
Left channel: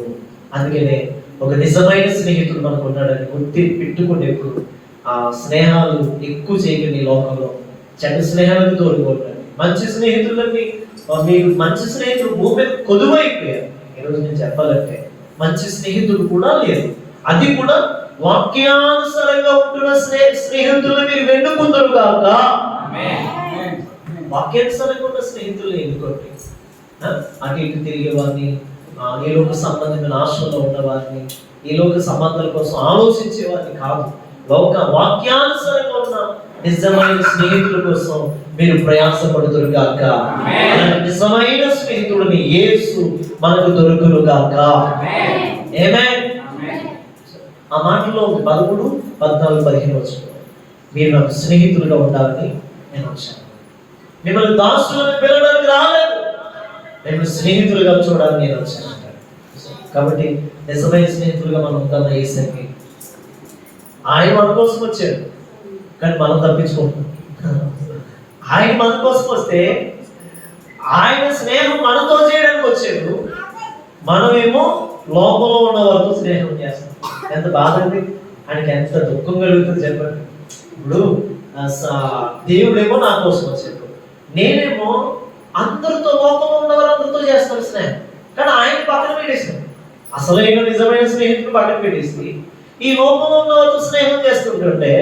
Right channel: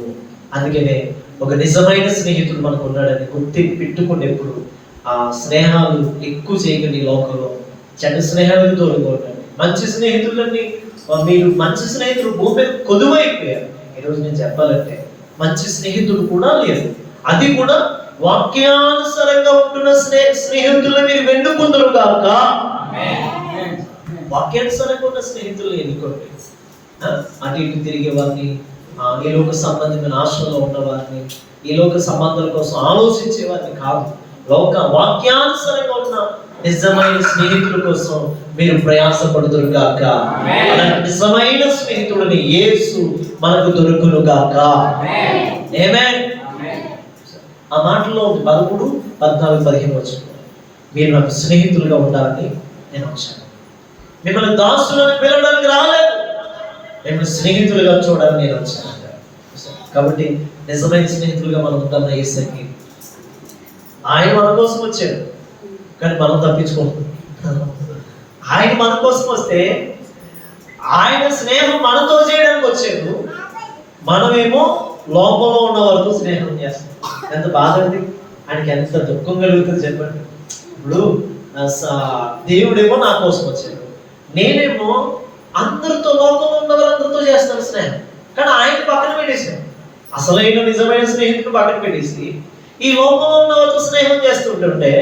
అందుకనే ఒక నిజమైన స్నేహితుడు మనకు ఉన్నాడని గుర్తి పెట్టుకునేప్పుడు ఆ స్నేహాలు ఎక్కువ చేయకండి. ఈ లోకంలో చెడ్డ స్నేహాలకు తోడుగా ఉండండి. మంచి స్నేహితులన్నీ, మీరు మంచి స్నేహితులు భూమి మీద కొదువైపోయారు. ఈరోజు నేను చెప్పాలంటే మంచి స్నేహితుడు కూడా లేదు. అది కూడా వాక్యానుసారంగా ఉంటున్న స్నేహితులను మీరు వెన్నుకుందరు కాక. వాక్యానుసారంగా ఉన్న స్నేహితులు ఎన్నుకోండి. అటు ఇటు తిరిగే వారిని, ఈ లోక సంబంధమైన ఆశలో ఉన్న వారిని, ఈ లోక సంబంధాల కోసం ఆలోచించే వారిని కాదు, వాక్యానుసారంగా ఉన్న నిజమైన స్నేహితుల కోసం మీరు ప్రయాసపడుదురు గాక. నిజమైన స్నేహితుడు స్నేహితుని యేసు మనకు దొరుకును గాక. ఆమేన్. ఆ మాటలో 13, 14, 15 వచ్చును. మీరు నాకు స్నేహితులుగా ఉండాలని నేను వచ్చాను. మిమ్మల్ని దాసులను పిలవడానికి రాలేదు, నేను స్నేహితులుగా చూడాలని నేను వచ్చాను. కాబట్టి నిజమైన స్నేహితులుగా మనం ఉందామా యేసుకి? ఆయన మన కోసం వచ్చాడు, కానీ మనం తప్పించుకుంటున్నాం. ఆయన మన కోసం వస్తే ఆయన స్నేహం మనతో చేయడానికి వచ్చాడు, మనమేమో లోపంలో ఉన్న వారితో స్నేహం చేస్తాం. ఎంత బాధ అండి, ఆయనకి ఎంత దుఃఖం కలుగుతుంది చెప్పండి. ఇప్పుడు దేవుడేమో నా కోసం వచ్చాడు, నేనేమో అందరితో లోకంలో ఉన్న వారందరితో చేస్తాను స్నేహం. కానీ ఆయన పక్కన పెట్టేసాను, అసలైన నిజమైన స్నేహితుడు పక్కన పెట్టేసి ఈ లోకంలో ఉన్న వారితో స్నేహం చేస్తుంటుంటే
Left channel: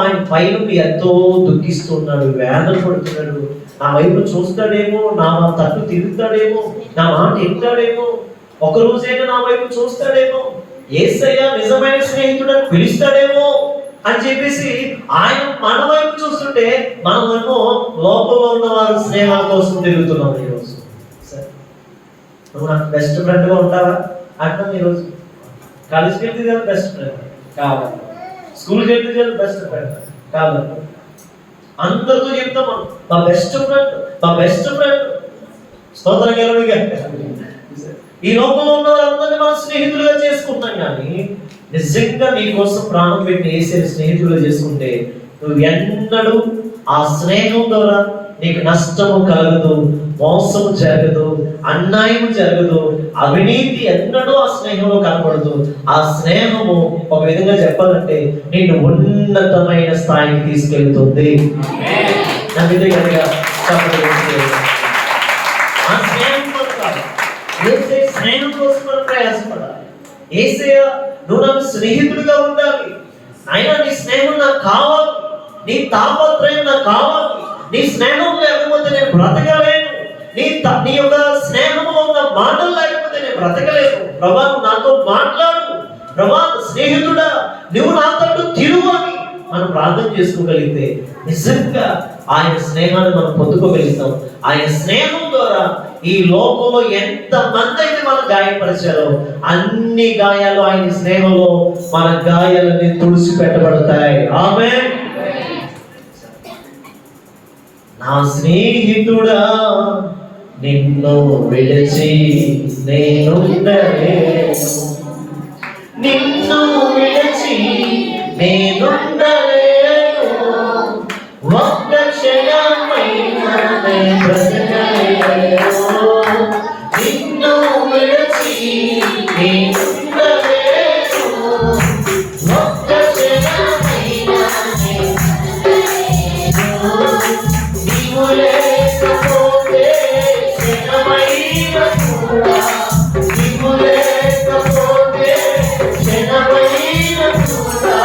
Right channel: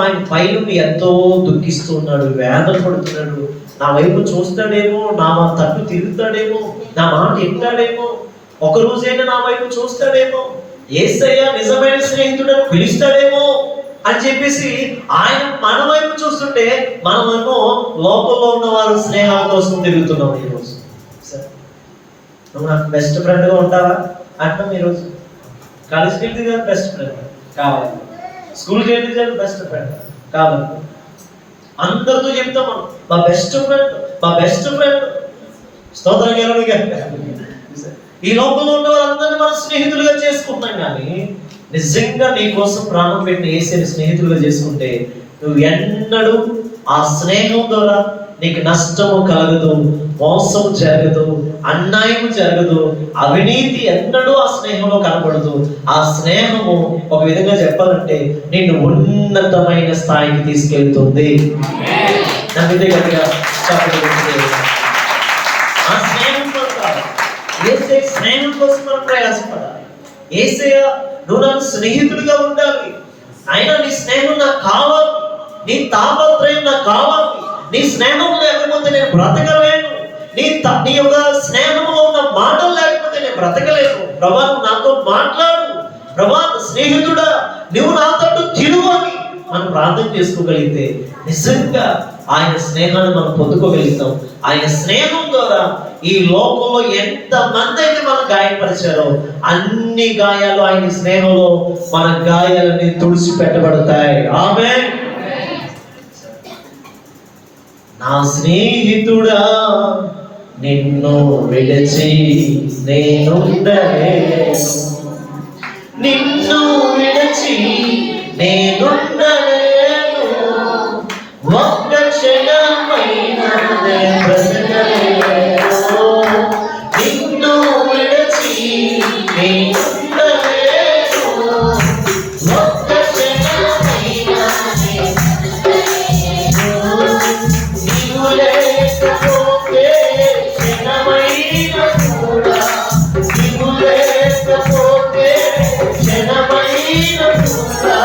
ఆయన పైన ఎంతో దుఃఖిస్తున్నాడు, వేదన పడుతున్నాడు. నా వైపు చూస్తాడేమో, నా తట్టు తిరుగుతాడేమో, నా మాట వింటాడేమో, ఒక రోజైనా నా వైపు చూస్తాడేమో, యేసయ్య నిజమైన స్నేహితుడని పిలుస్తాడేమో అని చెప్పేసి ఆయన మన వైపు చూస్తుంటే మనమేమో లోపల ఉన్న వారు స్నేహాల కోసం తిరుగుతున్నాం. ఈరోజు నువ్వు నాకు బెస్ట్ ఫ్రెండ్గా ఉంటావా అంటాం. ఈరోజు కాలేజ్కి వెళ్తే కదా బెస్ట్ ఫ్రెండ్ కావాలి, స్కూల్కి వెళ్తే కదా బెస్ట్ ఫ్రెండ్ కావాలి. అందరితో చెప్తాం మా బెస్ట్ ఫ్రెండ్, మా బెస్ట్ ఫ్రెండ్. స్తోత్రం కలుగుగా. ఈ లోకంలో ఉన్న వాళ్ళందరినీ మనం స్నేహితులుగా చేసుకుంటాం, కానీ నిజంగా నీ కోసం ప్రాణం పెట్టిన యేసుని స్నేహితులుగా చేసుకుంటే నువ్వు ఎన్నడూ ఆ స్నేహం ద్వారా నీకు నష్టము కలగదు, మోసం జరగదు, అన్యాయం జరగదు, అవినీతి ఎన్నడూ ఆ స్నేహంలో కనపడదు. ఆ స్నేహము ఒక విధంగా చెప్పాలంటే నిన్ను ఉన్నతమైన స్థాయికి తీసుకెళ్తుంది. నమ్మితే కనుక ఆ స్నేహం ఏసే స్నేహం కోసం మనం ప్రయాసపడాలి. యేసయ్య నువ్వు నాకు స్నేహితుడిగా ఉండాలి, అయినా నీ స్నేహం నాకు కావాలి, నీ తాపత్రయం నాకు కావాలి. నీ స్నేహం లేకపోతే నేను బ్రతకలేను, నీ యొక్క స్నేహంలో ఉన్న మాటలు లేకపోతే నేను బ్రతకలేను. ప్రభా నువ్వు నాతో మాట్లాడు, ప్రభా స్నేహితుడా నువ్వు నాతో తిరుగు అని మనం ప్రార్థన చేసుకోగలిగితే నిజంగా ఆయన స్నేహాన్ని మనం పొందుకోగలుగుతాం. ఆయన స్నేహం ద్వారా ఈ లోకంలో ఎంత మంది అయితే మనం గాయపరిచారో అన్ని గాయాలు ఆయన స్నేహంలో మన గాయాలన్నీ తుడిచిపెట్టబడతాయి. ఆమేన్. నా స్నేహితుడా నిన్ను విడిచి నేనుండలేను, నిన్ను విడిచి నేనుండలేను, ఒక్క క్షణమైనా బ్రతకలేను, నిన్ను విడిచి నేనుండలేను, ఒక్క క్షణమైనా నీవు లేకపోతే క్షణమైన కూడా, నీవు లేకపోతే క్షణమైన కూడా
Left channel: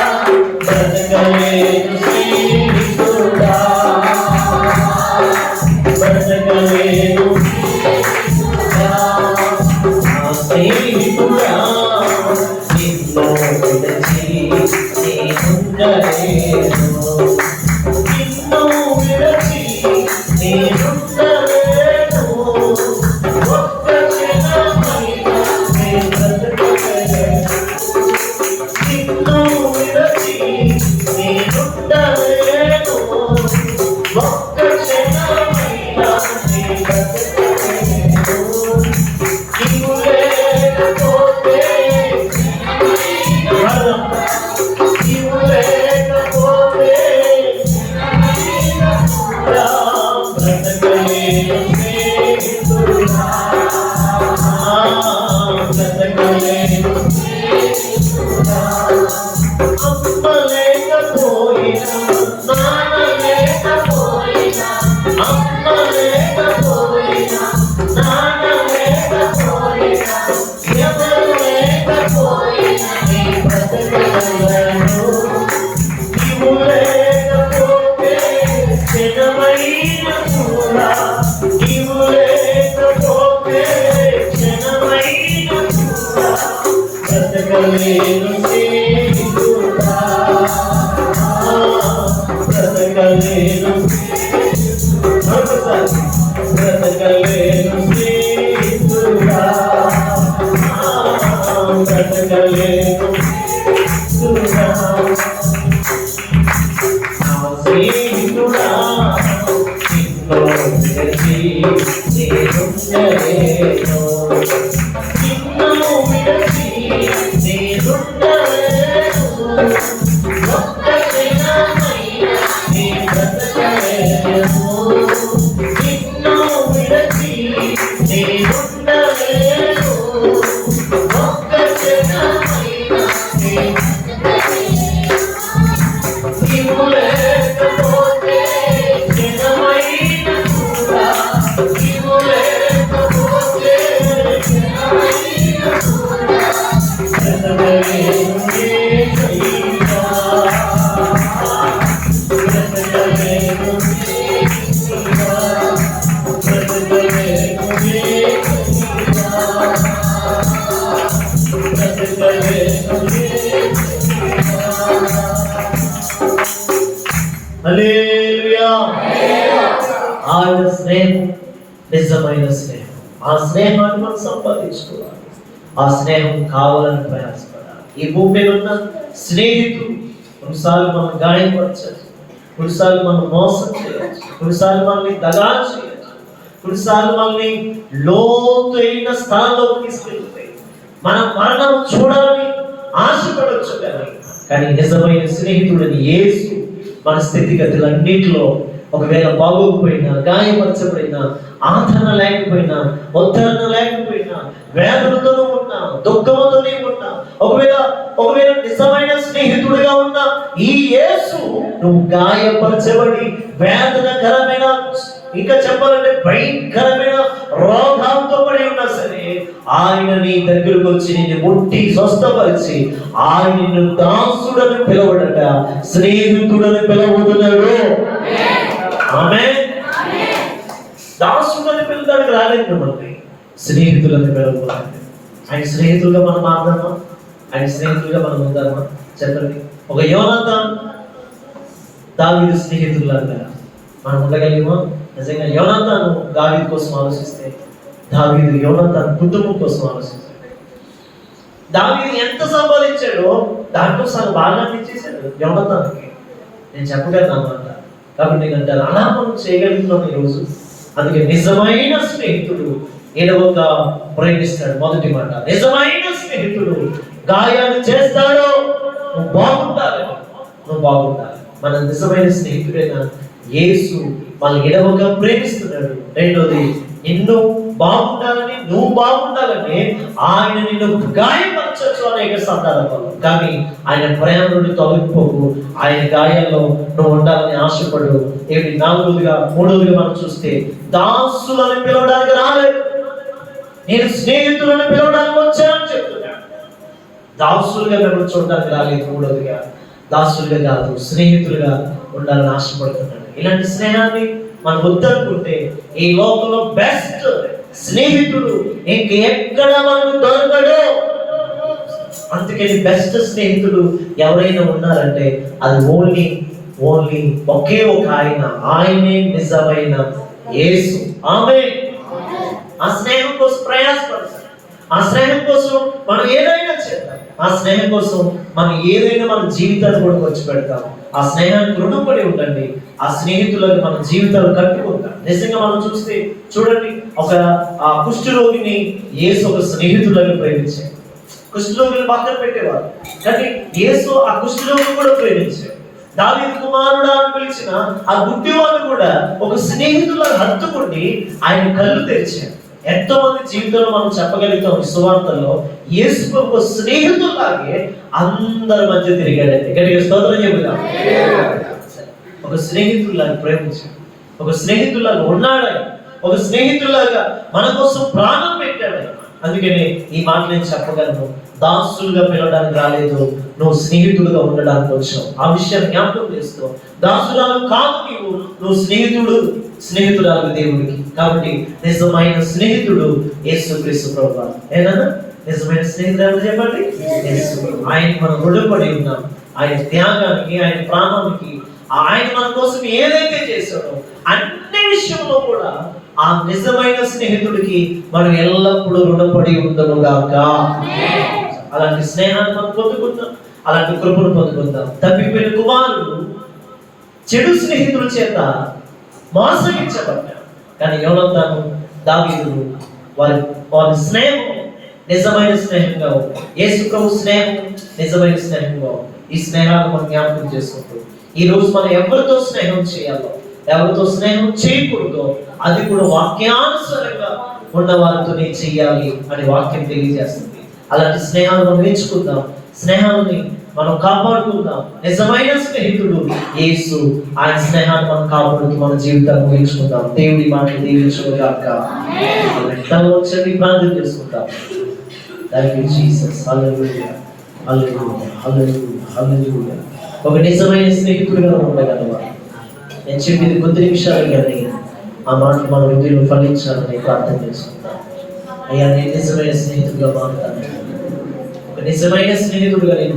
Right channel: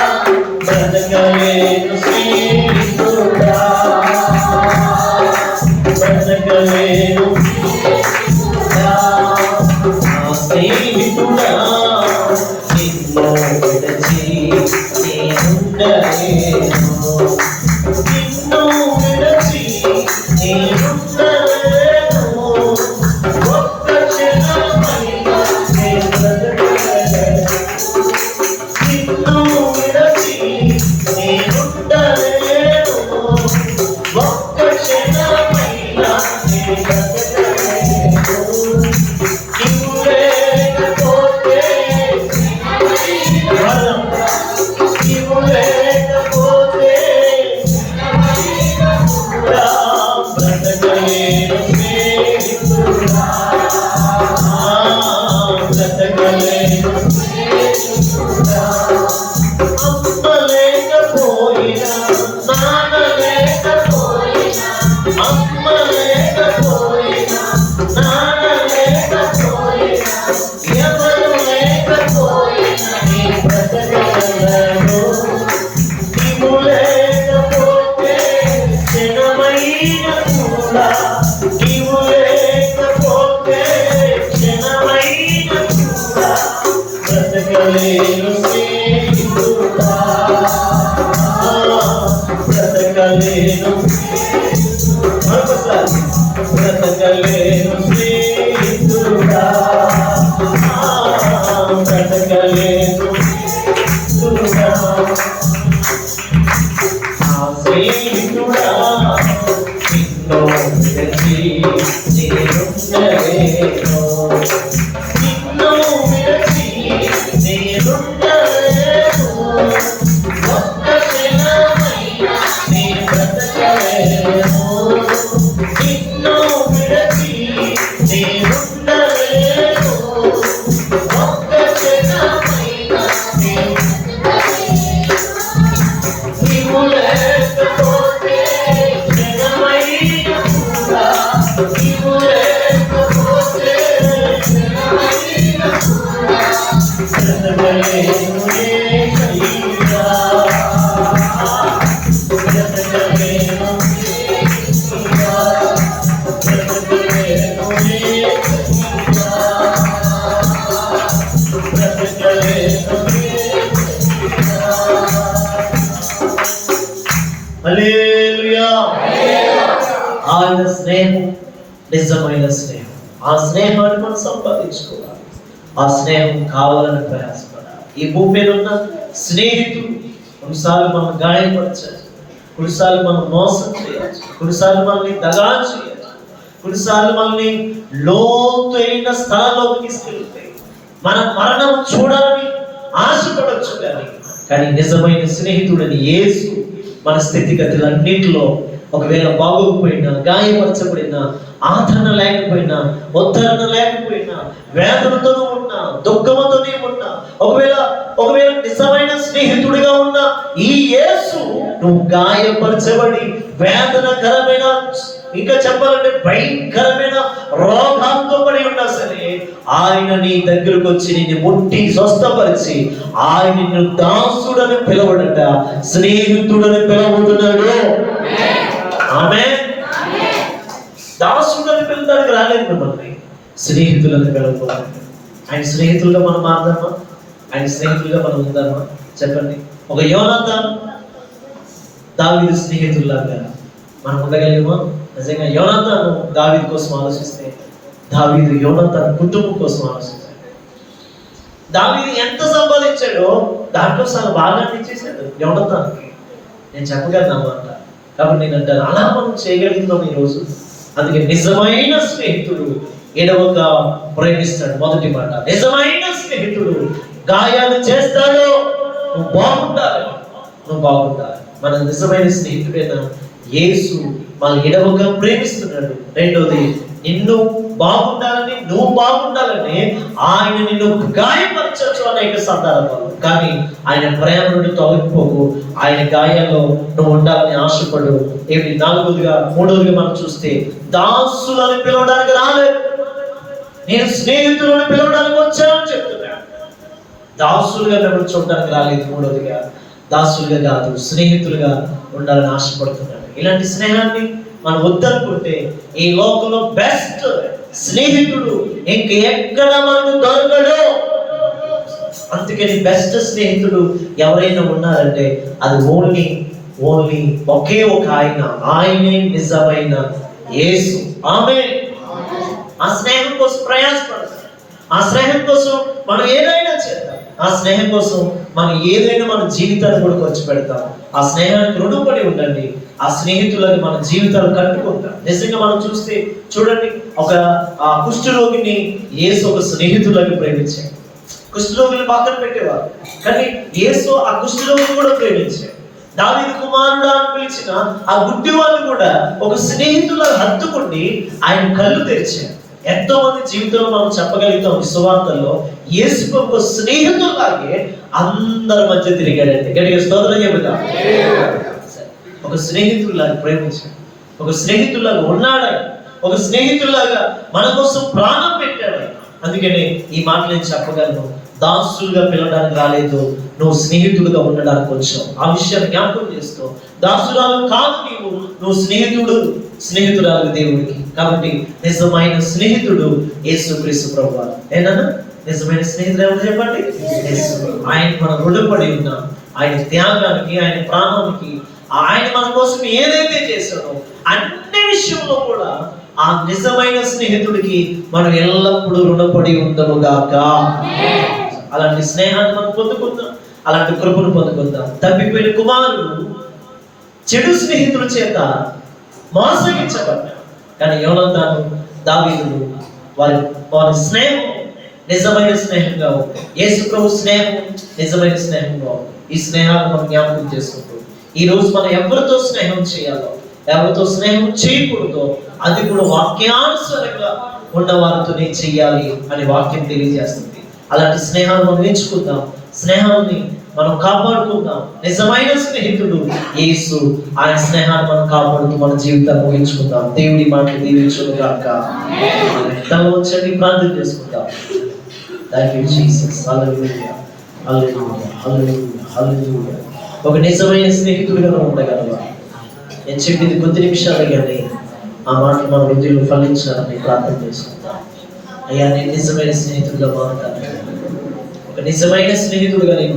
నేనుండలేను, నిన్ను విడచి నేనుండలేను, ఒక్క క్షణమైనా నేను బ్రతకలేను, నిన్ను విడచి నేనుండలేను, ఒక్క క్షణమైనా నేను నీవు లేకపోతే జగమైన కూడా, నీవు లేకపోతే జగమైన కూడా బ్రతకలేను యేసయ్యా, బ్రతకలేను యేసయ్యా, బ్రతకలేను యేసయ్యా, బ్రతకలేను యేసయ్యా. హల్లెలూయా. ఆయన స్నేహం నిజమైన స్నేహం. ఆ స్నేహాన్ని మనం సంపాదించుకోవాలి. ఆ స్నేహం కావాలని ప్రయాసపడాలి. ఈ భూమి మీద ఉన్న స్నేహితుడు కొన్నిసార్లు మనం గాయపరచచ్చు, కొన్నిసార్లు మనం మోసం చేయవచ్చు, కొన్నిసార్లు మనల్ని దగా చేయవచ్చు, కొన్నిసార్లు మనల్ని లోతైన స్థానంలోకి తీసుకెళ్తాయి. మన మరణం చూడాలని ఆశపడవచ్చు, కానీ నిజమైన స్నేహితుడని యేసు మన స్థితిగతులన్నింటిలో ఒకవేళ బాగోకపోయినా, గాయపరచబడినా, ఆదరణ లేకపోయినా, ఉద్ధరణ లేకపోయినా, వేదనతోనూ ఉన్నా, దుఃఖంతోనే ఉన్నా, ఒకవేళ నిజమైన స్నేహితుడిగా ఉన్న ఈ యేసు నువ్వు గాయపరచబడి వేదనకరమైన, ఇంకా చెప్పాలంటే భయంకరమైన రోగాలతో పడి ఉన్నా సరే, ఆయన నీ దగ్గరకు వచ్చి నిన్ను ముట్టి స్వస్థపరిచి ఆయన నిన్ను దాసుడని పిలవడట, స్నేహితుడని పిలవడుతున్నాడు. ఆమేన్. దాసుడని పిలవడానికి రాలేదు మిమ్మల్ని, స్నేహితులని పిలవడానికి. ఆయన స్నేహితులుగా మనం మాట్లాడమా? ఆయన స్నేహితులుగా మనం ఉందామా? చెప్పండి. ఒక యోనాతాను దావీదు స్నేహితుల్లాగా మనం ఉండగలిగామా? నిజంగా యోనాతాను దావీదు కోసం ఆలోచిస్తే, దావీదు యోనాతాను కుటుంబం కోసం ఆలోచించాడు. దావీదు ఎంత సంపాదించాడో దాంట్లో సగం భాగాన్ని ఇచ్చేసాడు యోనాతానుకి. నేను చెప్పగలను అన్నమాట. కాబట్టి నేను అంటాను, అలా మనం చేయగలుగుతున్నాం ఈరోజు. అందుకే నిజమైన స్నేహితుడు ఎడవక ప్రేమిస్తాడు. మొదటి మాట, నిజమైన స్నేహితుడు గాయాలు చేస్తాడు. నువ్వు బాగుండాలి, నువ్వు బాగుండాలి. మన నిజమైన స్నేహితుడైన యేసు మన ఎడవక ప్రేమిస్తున్నాడు. రెండోది, నిన్ను బాగుండాలని, నువ్వు బాగుండాలని ఆయన నిన్ను గాయపరచచ్చు అనేక సందర్భాలు, కానీ ఆయన ప్రేమ నుండి తొలగిపోకు. ఆయన గాయాల్లో నువ్వు ఉండాలని ఆశపడు. ఏమిటి? మూడోదిగా మనం చూస్తే, దాసులను పిలవడానికి రాలేదు, నేను స్నేహితులను పిలవడానికి వచ్చానని చెప్తున్నాను. దాసులుగా మిమ్మల్ని చూడడానికి రాలేదు. మూడోదిగా దాసులుగా కాదు, స్నేహితులుగా ఉండాలని ఆశపడుతున్నాడు. ఇలాంటి స్నేహాన్ని మనం వద్దనుకుంటే ఈ లోకంలో బెస్ట్ స్నేహితుడు ఇంకెక్కడ మనకు దొరకడు. అందుకని బెస్ట్ స్నేహితుడు ఎవరైనా ఉన్నారంటే అది ఓన్లీ ఒకే ఒక ఆయనే నిజమైన యేసు. ఆమేన్. ఆ స్నేహం కోసం ప్రయాసపడతాం, ఆ స్నేహం కోసం మనం ఏదైనా చేద్దాం, ఆ స్నేహం కోసం మనం ఏదైనా మన జీవితాన్ని కూడా ఖర్చు పెడతాం. ఆ స్నేహానికి రుణపడి ఉండండి. ఆ స్నేహితులను మన జీవితాలు కట్టుకుంటాం. నిజంగా మనం చూస్తే చూడండి, ఒక కుష్ఠరోగిని యేసు ఒక స్నేహితులను ప్రేమించాడు. కుష్ఠరోగిని పక్కన పెట్టేవారు, కానీ యేసు ఆ కుష్ఠరోగిని కూడా ప్రేమించాడు. దావీదు కుమారుడా అని పిలిచిన ఆ గుడ్డివాడు కూడా ఒక స్నేహితులను హత్తుకుండి ఆయన కళ్ళు తెరిచాడు. ఎంతో మంది జీవితంలో మనం చెప్పగలుగుతాం, సువార్తల్లో యేసు ఒక స్నేహితులాగే అందరి మధ్య తిరిగాడండి. గట్టిగా స్తోత్రం చెబుతాం. ఒక స్నేహితులాగా ప్రేమించాడు, ఒక స్నేహితులాగా ఉన్నాడు, ఒక స్నేహితులాగా మన కోసం ప్రాణం పెట్టాడు. అందుకని ఈ మాట నేను చెప్పగలను, దాసులుగా పిలవడానికి రాలేదు, నువ్వు స్నేహితుడుగా ఉండడానికి వచ్చావు. ఆ విషయాన్ని జ్ఞాపకం చేస్తూ, దాసురాలు కాదు నువ్వు స్నేహితురాలు దేవుడికి. కాబట్టి నిజమైన స్నేహితుడు యేసుక్రీస్తు ప్రభువు. ఏదన్నా నిజమైన స్నేహితుడు ఎవరు చెప్పండి? ఆయన మనం రుణపడి ఉన్నాం. ఆయన త్యాగానికి, ఆయన ప్రాణానికి, ఆయన మన కోసం ఏదైతే చేశాడో అన్ని విషయంలో కూడా ఆ నిజమైన స్నేహితుడికి మనం ఎల్లప్పుడూ రుణపడి ఉండముగాక. అలాంటి స్నేహాన్ని మనం పొందుకుందాం, అలాంటి కృపను పొందుకుందాం. తప్పిపోయిన కుమారుడు చెడు స్నేహితుల చేత మోసగించబడ్డాడు. కానీ యోనాతాను, దావీదులు వారి వారి స్నేహం నిజమైన స్నేహంగా ఉంది. యేసు ప్రభు స్నేహం నిజమైన స్నేహంగా ఉంది. ఈ స్నేహాన్ని మనం జ్ఞాపకం చేసుకుంటూ ఈ రోజు మనం ఎవరితో స్నేహం చేయాలో, ఎవరితో స్నేహం చేయకూడదో అది కూడా వాక్యానుసారంగా ఉన్న వారితోనే చెయ్యాలి అని వాక్యం తెలియజేస్తుంది. అలాంటి స్నేహాన్ని మనం ఎంచుకుందాం, స్నేహాన్ని మనం కాపాడుకుందాం. నిజమైన స్నేహితుడు యేసు. ఆయన స్నేహాన్ని మనం కాపాడుతూ మన జీవితాన్ని ముగించుకుందాం. దేవుడి మాటలు దీవించుగాక. తను వచ్చి ప్రార్థన చేసుకుందాం. Thank you Jesus. Hallelujah, hallelujah, hallelujah, hallelujah. ఒక నిజమైన స్నేహితుడిగా ఉండగలవా? నేను చెప్పింది కొద్ది నిమిషాలు కానీ ఆ మాటలు మన హృదయంలో ఫలించాలని ప్రార్థన చేసుకుంటాం. అయ్యా, నేను నిజమైన స్నేహితుడిగా మారుతాను. ఒక నిజమైన స్నేహితుడిగా నేను